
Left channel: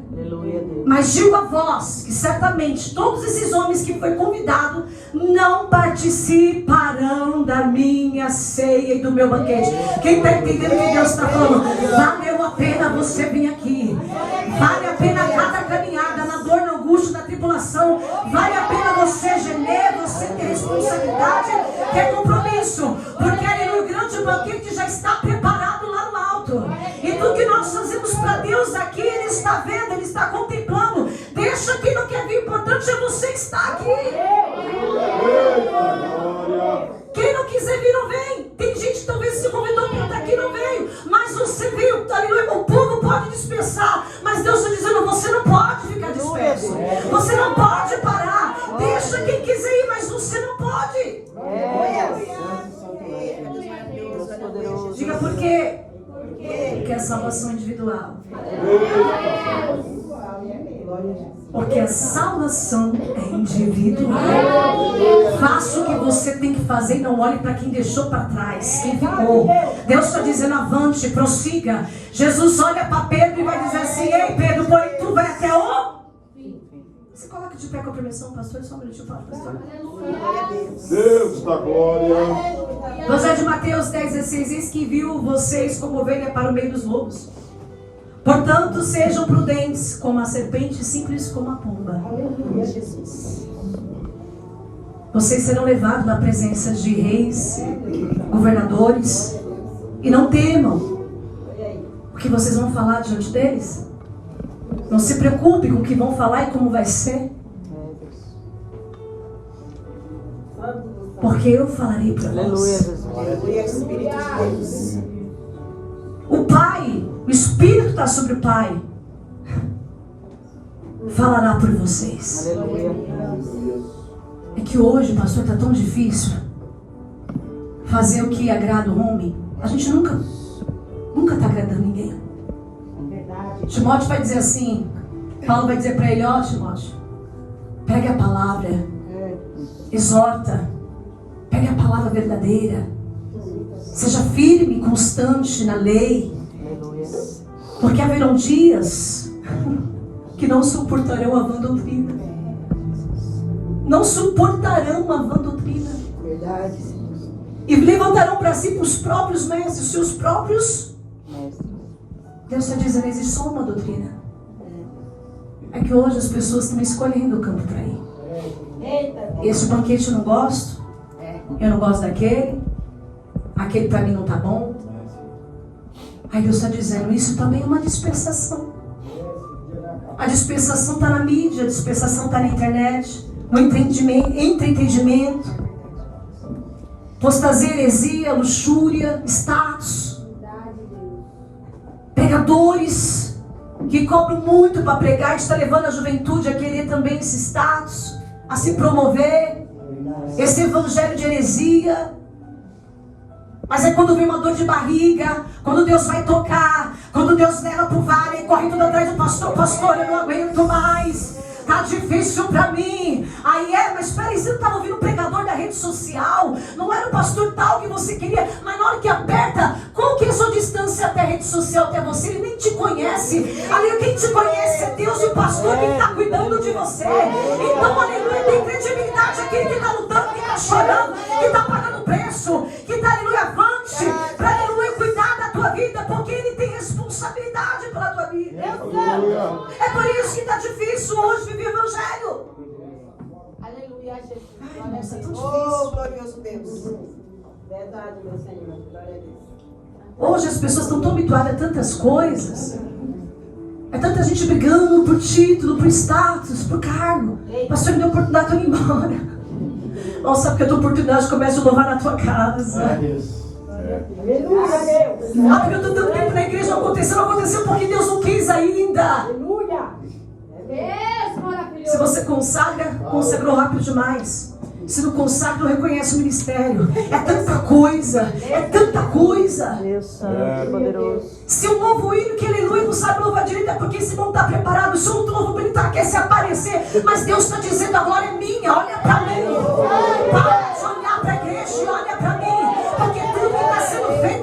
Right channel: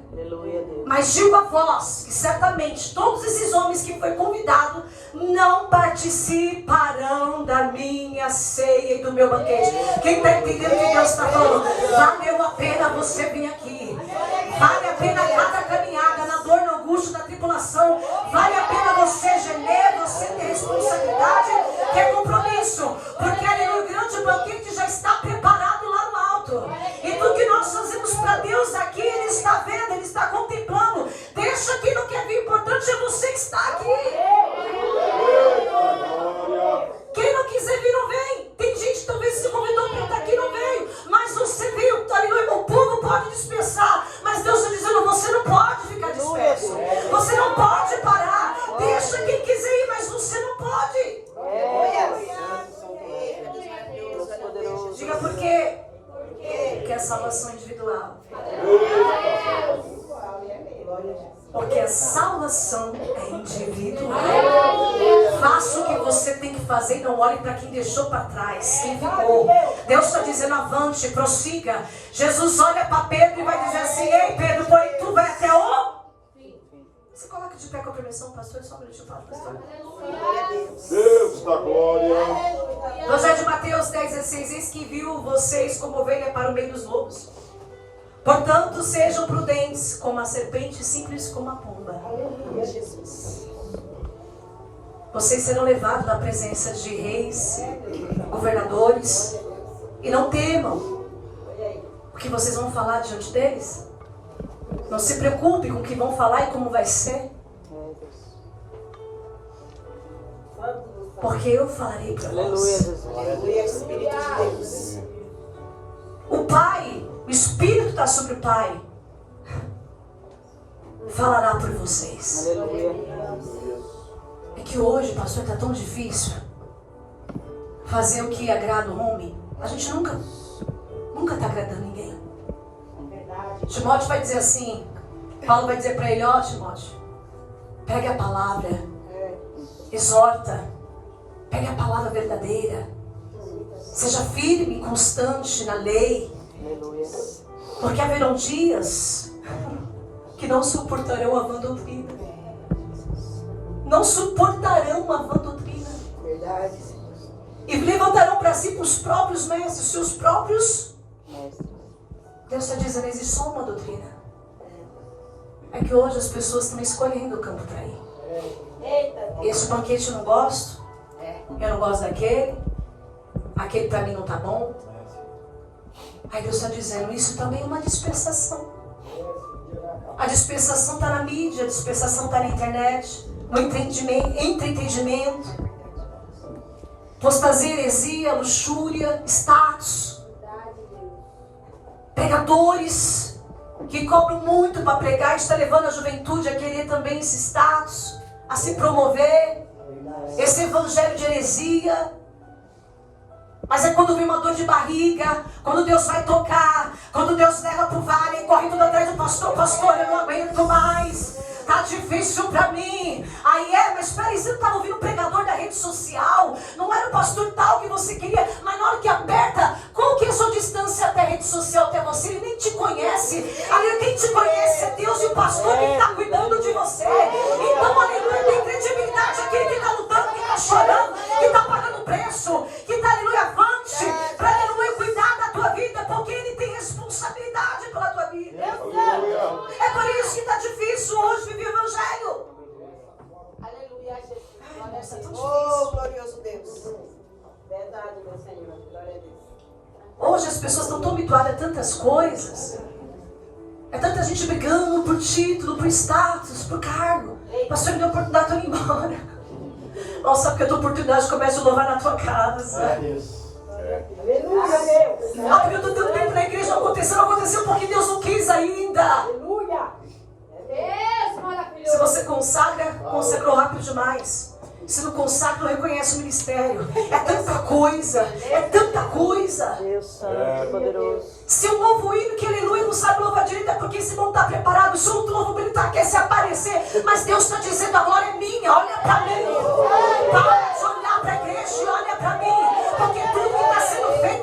Mas digo a vós que certamente todos esses homens que foi convidado não participarão da minha ceia e do meu banquete. Quem está entendendo o que Deus está falando? Valeu a pena você vir aqui. Vale a pena cada caminhada, na dor, na angústia, na tribulação. Vale a pena você gemer, você ter responsabilidade, ter compromisso. Porque ali no grande banquete já está preparado lá no alto. E tudo que nós fazemos para Deus aqui, Ele está vendo, Ele está contemplando. Deixa quem não quer vir, o importante é você que está aqui. Quem não quiser vir, não vem. individual. Porque a salvação é individual. Faça o que você tem que fazer e não olhe para quem deixou para trás, quem ficou. Deus está dizendo avante, prossiga. Jesus olha para Pedro e vai dizer assim: ei Pedro, porém tu vai até o... Se coloca de pé com a permissão, pastor, só um minutinho, pode, pastor. Deus da glória. Evangelho de Mateus 10:16, eis que envio vocês como ovelha para o meio dos lobos. Portanto, sejam prudentes como a serpente, simples como a pomba. Jesus. Vocês serão levados na presença de reis, governadores, e não temam o que vocês vão falar diante deles. Não se preocupe com o que vão falar e como vai ser, porque eu falarei para vós. O Pai, o Espírito está sobre o Pai, falará por vocês. É que hoje, pastor, está tão difícil fazer o que agrada o homem. A gente nunca está agradando ninguém. Timóteo vai dizer assim, Paulo vai dizer para ele: ó Timóteo, pegue a palavra, exorta, pegue a palavra verdadeira, seja firme e constante na lei, porque haverão dias que não suportarão a vã doutrina. Não suportarão a vã doutrina. E levantarão para si os próprios mestres, seus próprios. Deus está dizendo: existe só uma doutrina. É que hoje as pessoas estão escolhendo o campo para ir. Esse banquete eu não gosto. Eu não gosto daquele. Aquele para mim não está bom. Aí Deus está dizendo: isso também é uma dispersação. A dispersação está na mídia, a dispersação está na internet, no entretenimento, apostasia, heresia, luxúria, status, pregadores que cobram muito para pregar, está levando a juventude a querer também esse status, a se promover, esse evangelho de heresia. Mas é quando vem uma dor de barriga, quando Deus vai tocar, quando Deus leva para o vale, corre tudo atrás do pastor: pastor, eu não aguento mais, tá difícil para mim. Aí mas espera aí, você não estava ouvindo o pregador da rede social? Não era o pastor tal que você queria, mas na hora que aperta, qual que é a sua distância até a rede social, até você? Ele nem te conhece. Ali quem te conhece é Deus e o pastor que está cuidando de você. Então, aleluia, tem credibilidade aquele que está lutando, que está chorando, que está pagando preço, que está, aleluia, avante, para, aleluia, cuidar da tua vida, porque ele tem responsabilidade pela tua vida. É por isso que está difícil hoje viver o evangelho. Aleluia, Jesus. Ai, irmão, está tão Oh, difícil. glorioso Deus. Verdade, meu Senhor. Glória a Deus. Hoje as pessoas estão tão habituadas a tantas coisas. É tanta gente brigando por título, por status, por cargo. Pastor, me deu oportunidade, estou indo embora. Nossa, sabe que eu tenho oportunidade, começo a louvar na tua casa. Ah, porque eu estou tanto tempo na igreja, não aconteceu porque Deus não quis ainda. Se você consagra, consagrou rápido demais. Se não consagra, não reconhece o ministério. É tanta coisa, é tanta coisa. Se o novo hino que aleluia não sabe louvar direito, é porque esse não está preparado. Se o novo hino quer se aparecer, mas Deus está dizendo: a glória é minha, olha para mim. Para de olhar para a igreja e olha para mim, porque tudo que está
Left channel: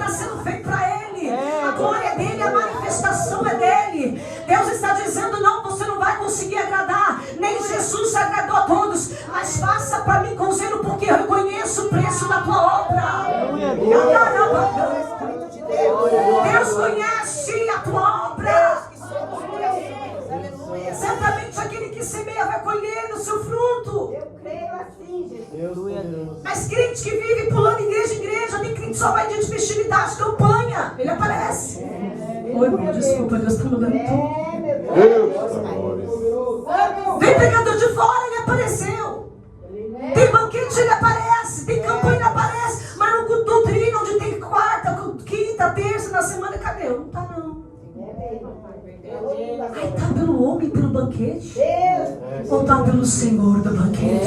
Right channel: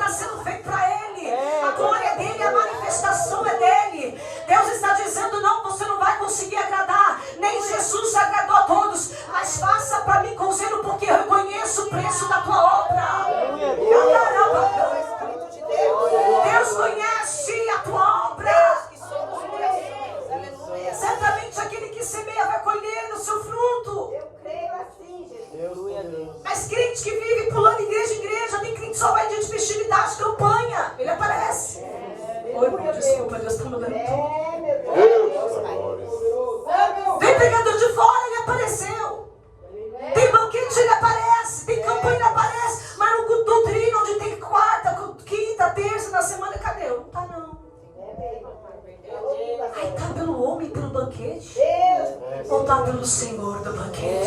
sendo feito para Ele. A glória é dele, a manifestação é dele. Deus está dizendo: não, você não vai conseguir agradar, nem Jesus agradou a todos, mas faça para mim com zelo, porque eu reconheço o preço da tua obra. Deus conhece a tua obra. Certamente aquele que semeia vai colher o seu fruto. Eu creio assim, Jesus. Mas crente que vive pulando igreja em igreja, tem crente que só vai dia de festividade, campanha, ele aparece. Oi, meu, desculpa, Deus está mudando tudo. Vem pregador de fora, ele apareceu. Tem banquete, ele aparece. Tem campanha, ele aparece. Mas no doutrina, onde tem quarta, quinta, terça, na semana, cadê? Não tá não. Ai, tá pelo homem, pelo banquete? Ou tá pelo Senhor do banquete?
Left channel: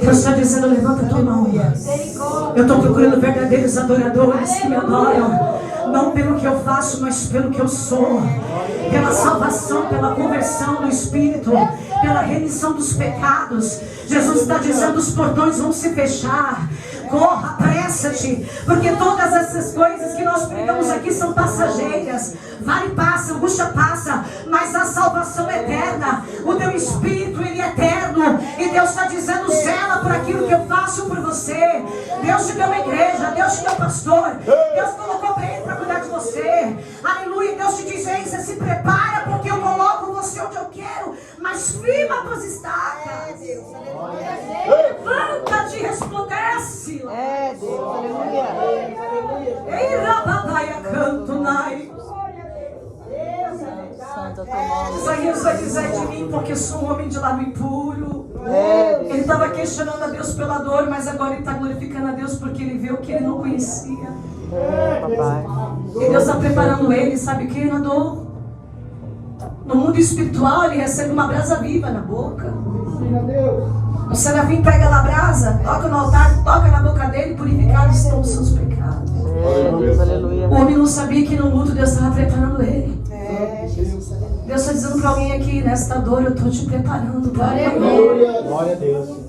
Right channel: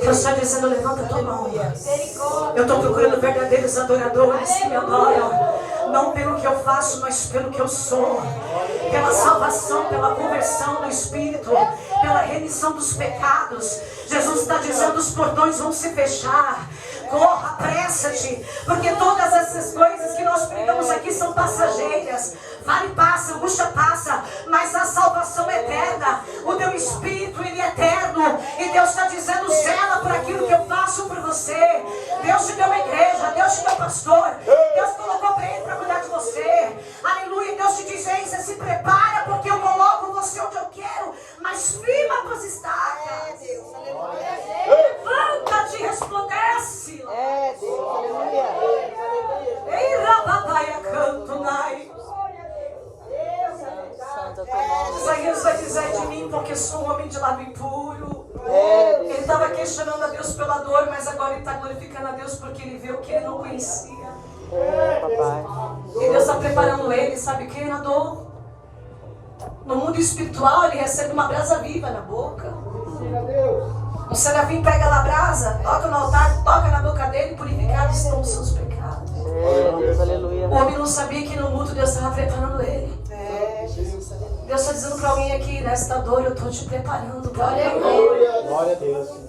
Deus está dizendo: levanta a tua mão. Eu estou procurando verdadeiros adoradores que me adoram. Não pelo que eu faço, mas pelo que eu sou. Pela salvação, pela conversão do Espírito, pela remissão dos pecados. Jesus está dizendo: os portões vão se fechar. Corra, apressa-te, porque todas essas coisas que nós pregamos aqui são passageiras. Vale passa, angústia passa, mas a salvação é eterna. O teu Espírito, ele é eterno. E Deus está dizendo: zela por aquilo que eu faço por você. Deus te deu uma igreja, Deus te deu pastor, Deus colocou para ele para cuidar de você. Aleluia. Deus te diz: ei, você se prepara, porque eu coloco você onde eu quero, mas firma as tuas estacas. Levanta-te e resplandece. Ei, rababaia, canto, nai. Isaías vai dizer de mim: porque sou um homem de lábio impuro. Ele estava questionando a Deus pela dor, mas agora ele está glorificando a Deus porque ele viu que ele não conhecia. E Deus está preparando ele, sabe o que? Na dor. No mundo espiritual, ele recebe uma brasa viva na boca. O serafim pega a brasa, toca no altar, toca na boca dele, purificados estão os seus pecados. O homem não sabia que no luto Deus estava preparando ele. Deus está dizendo para alguém aqui: nesta dor eu estou te preparando para a glória. Glória a Deus.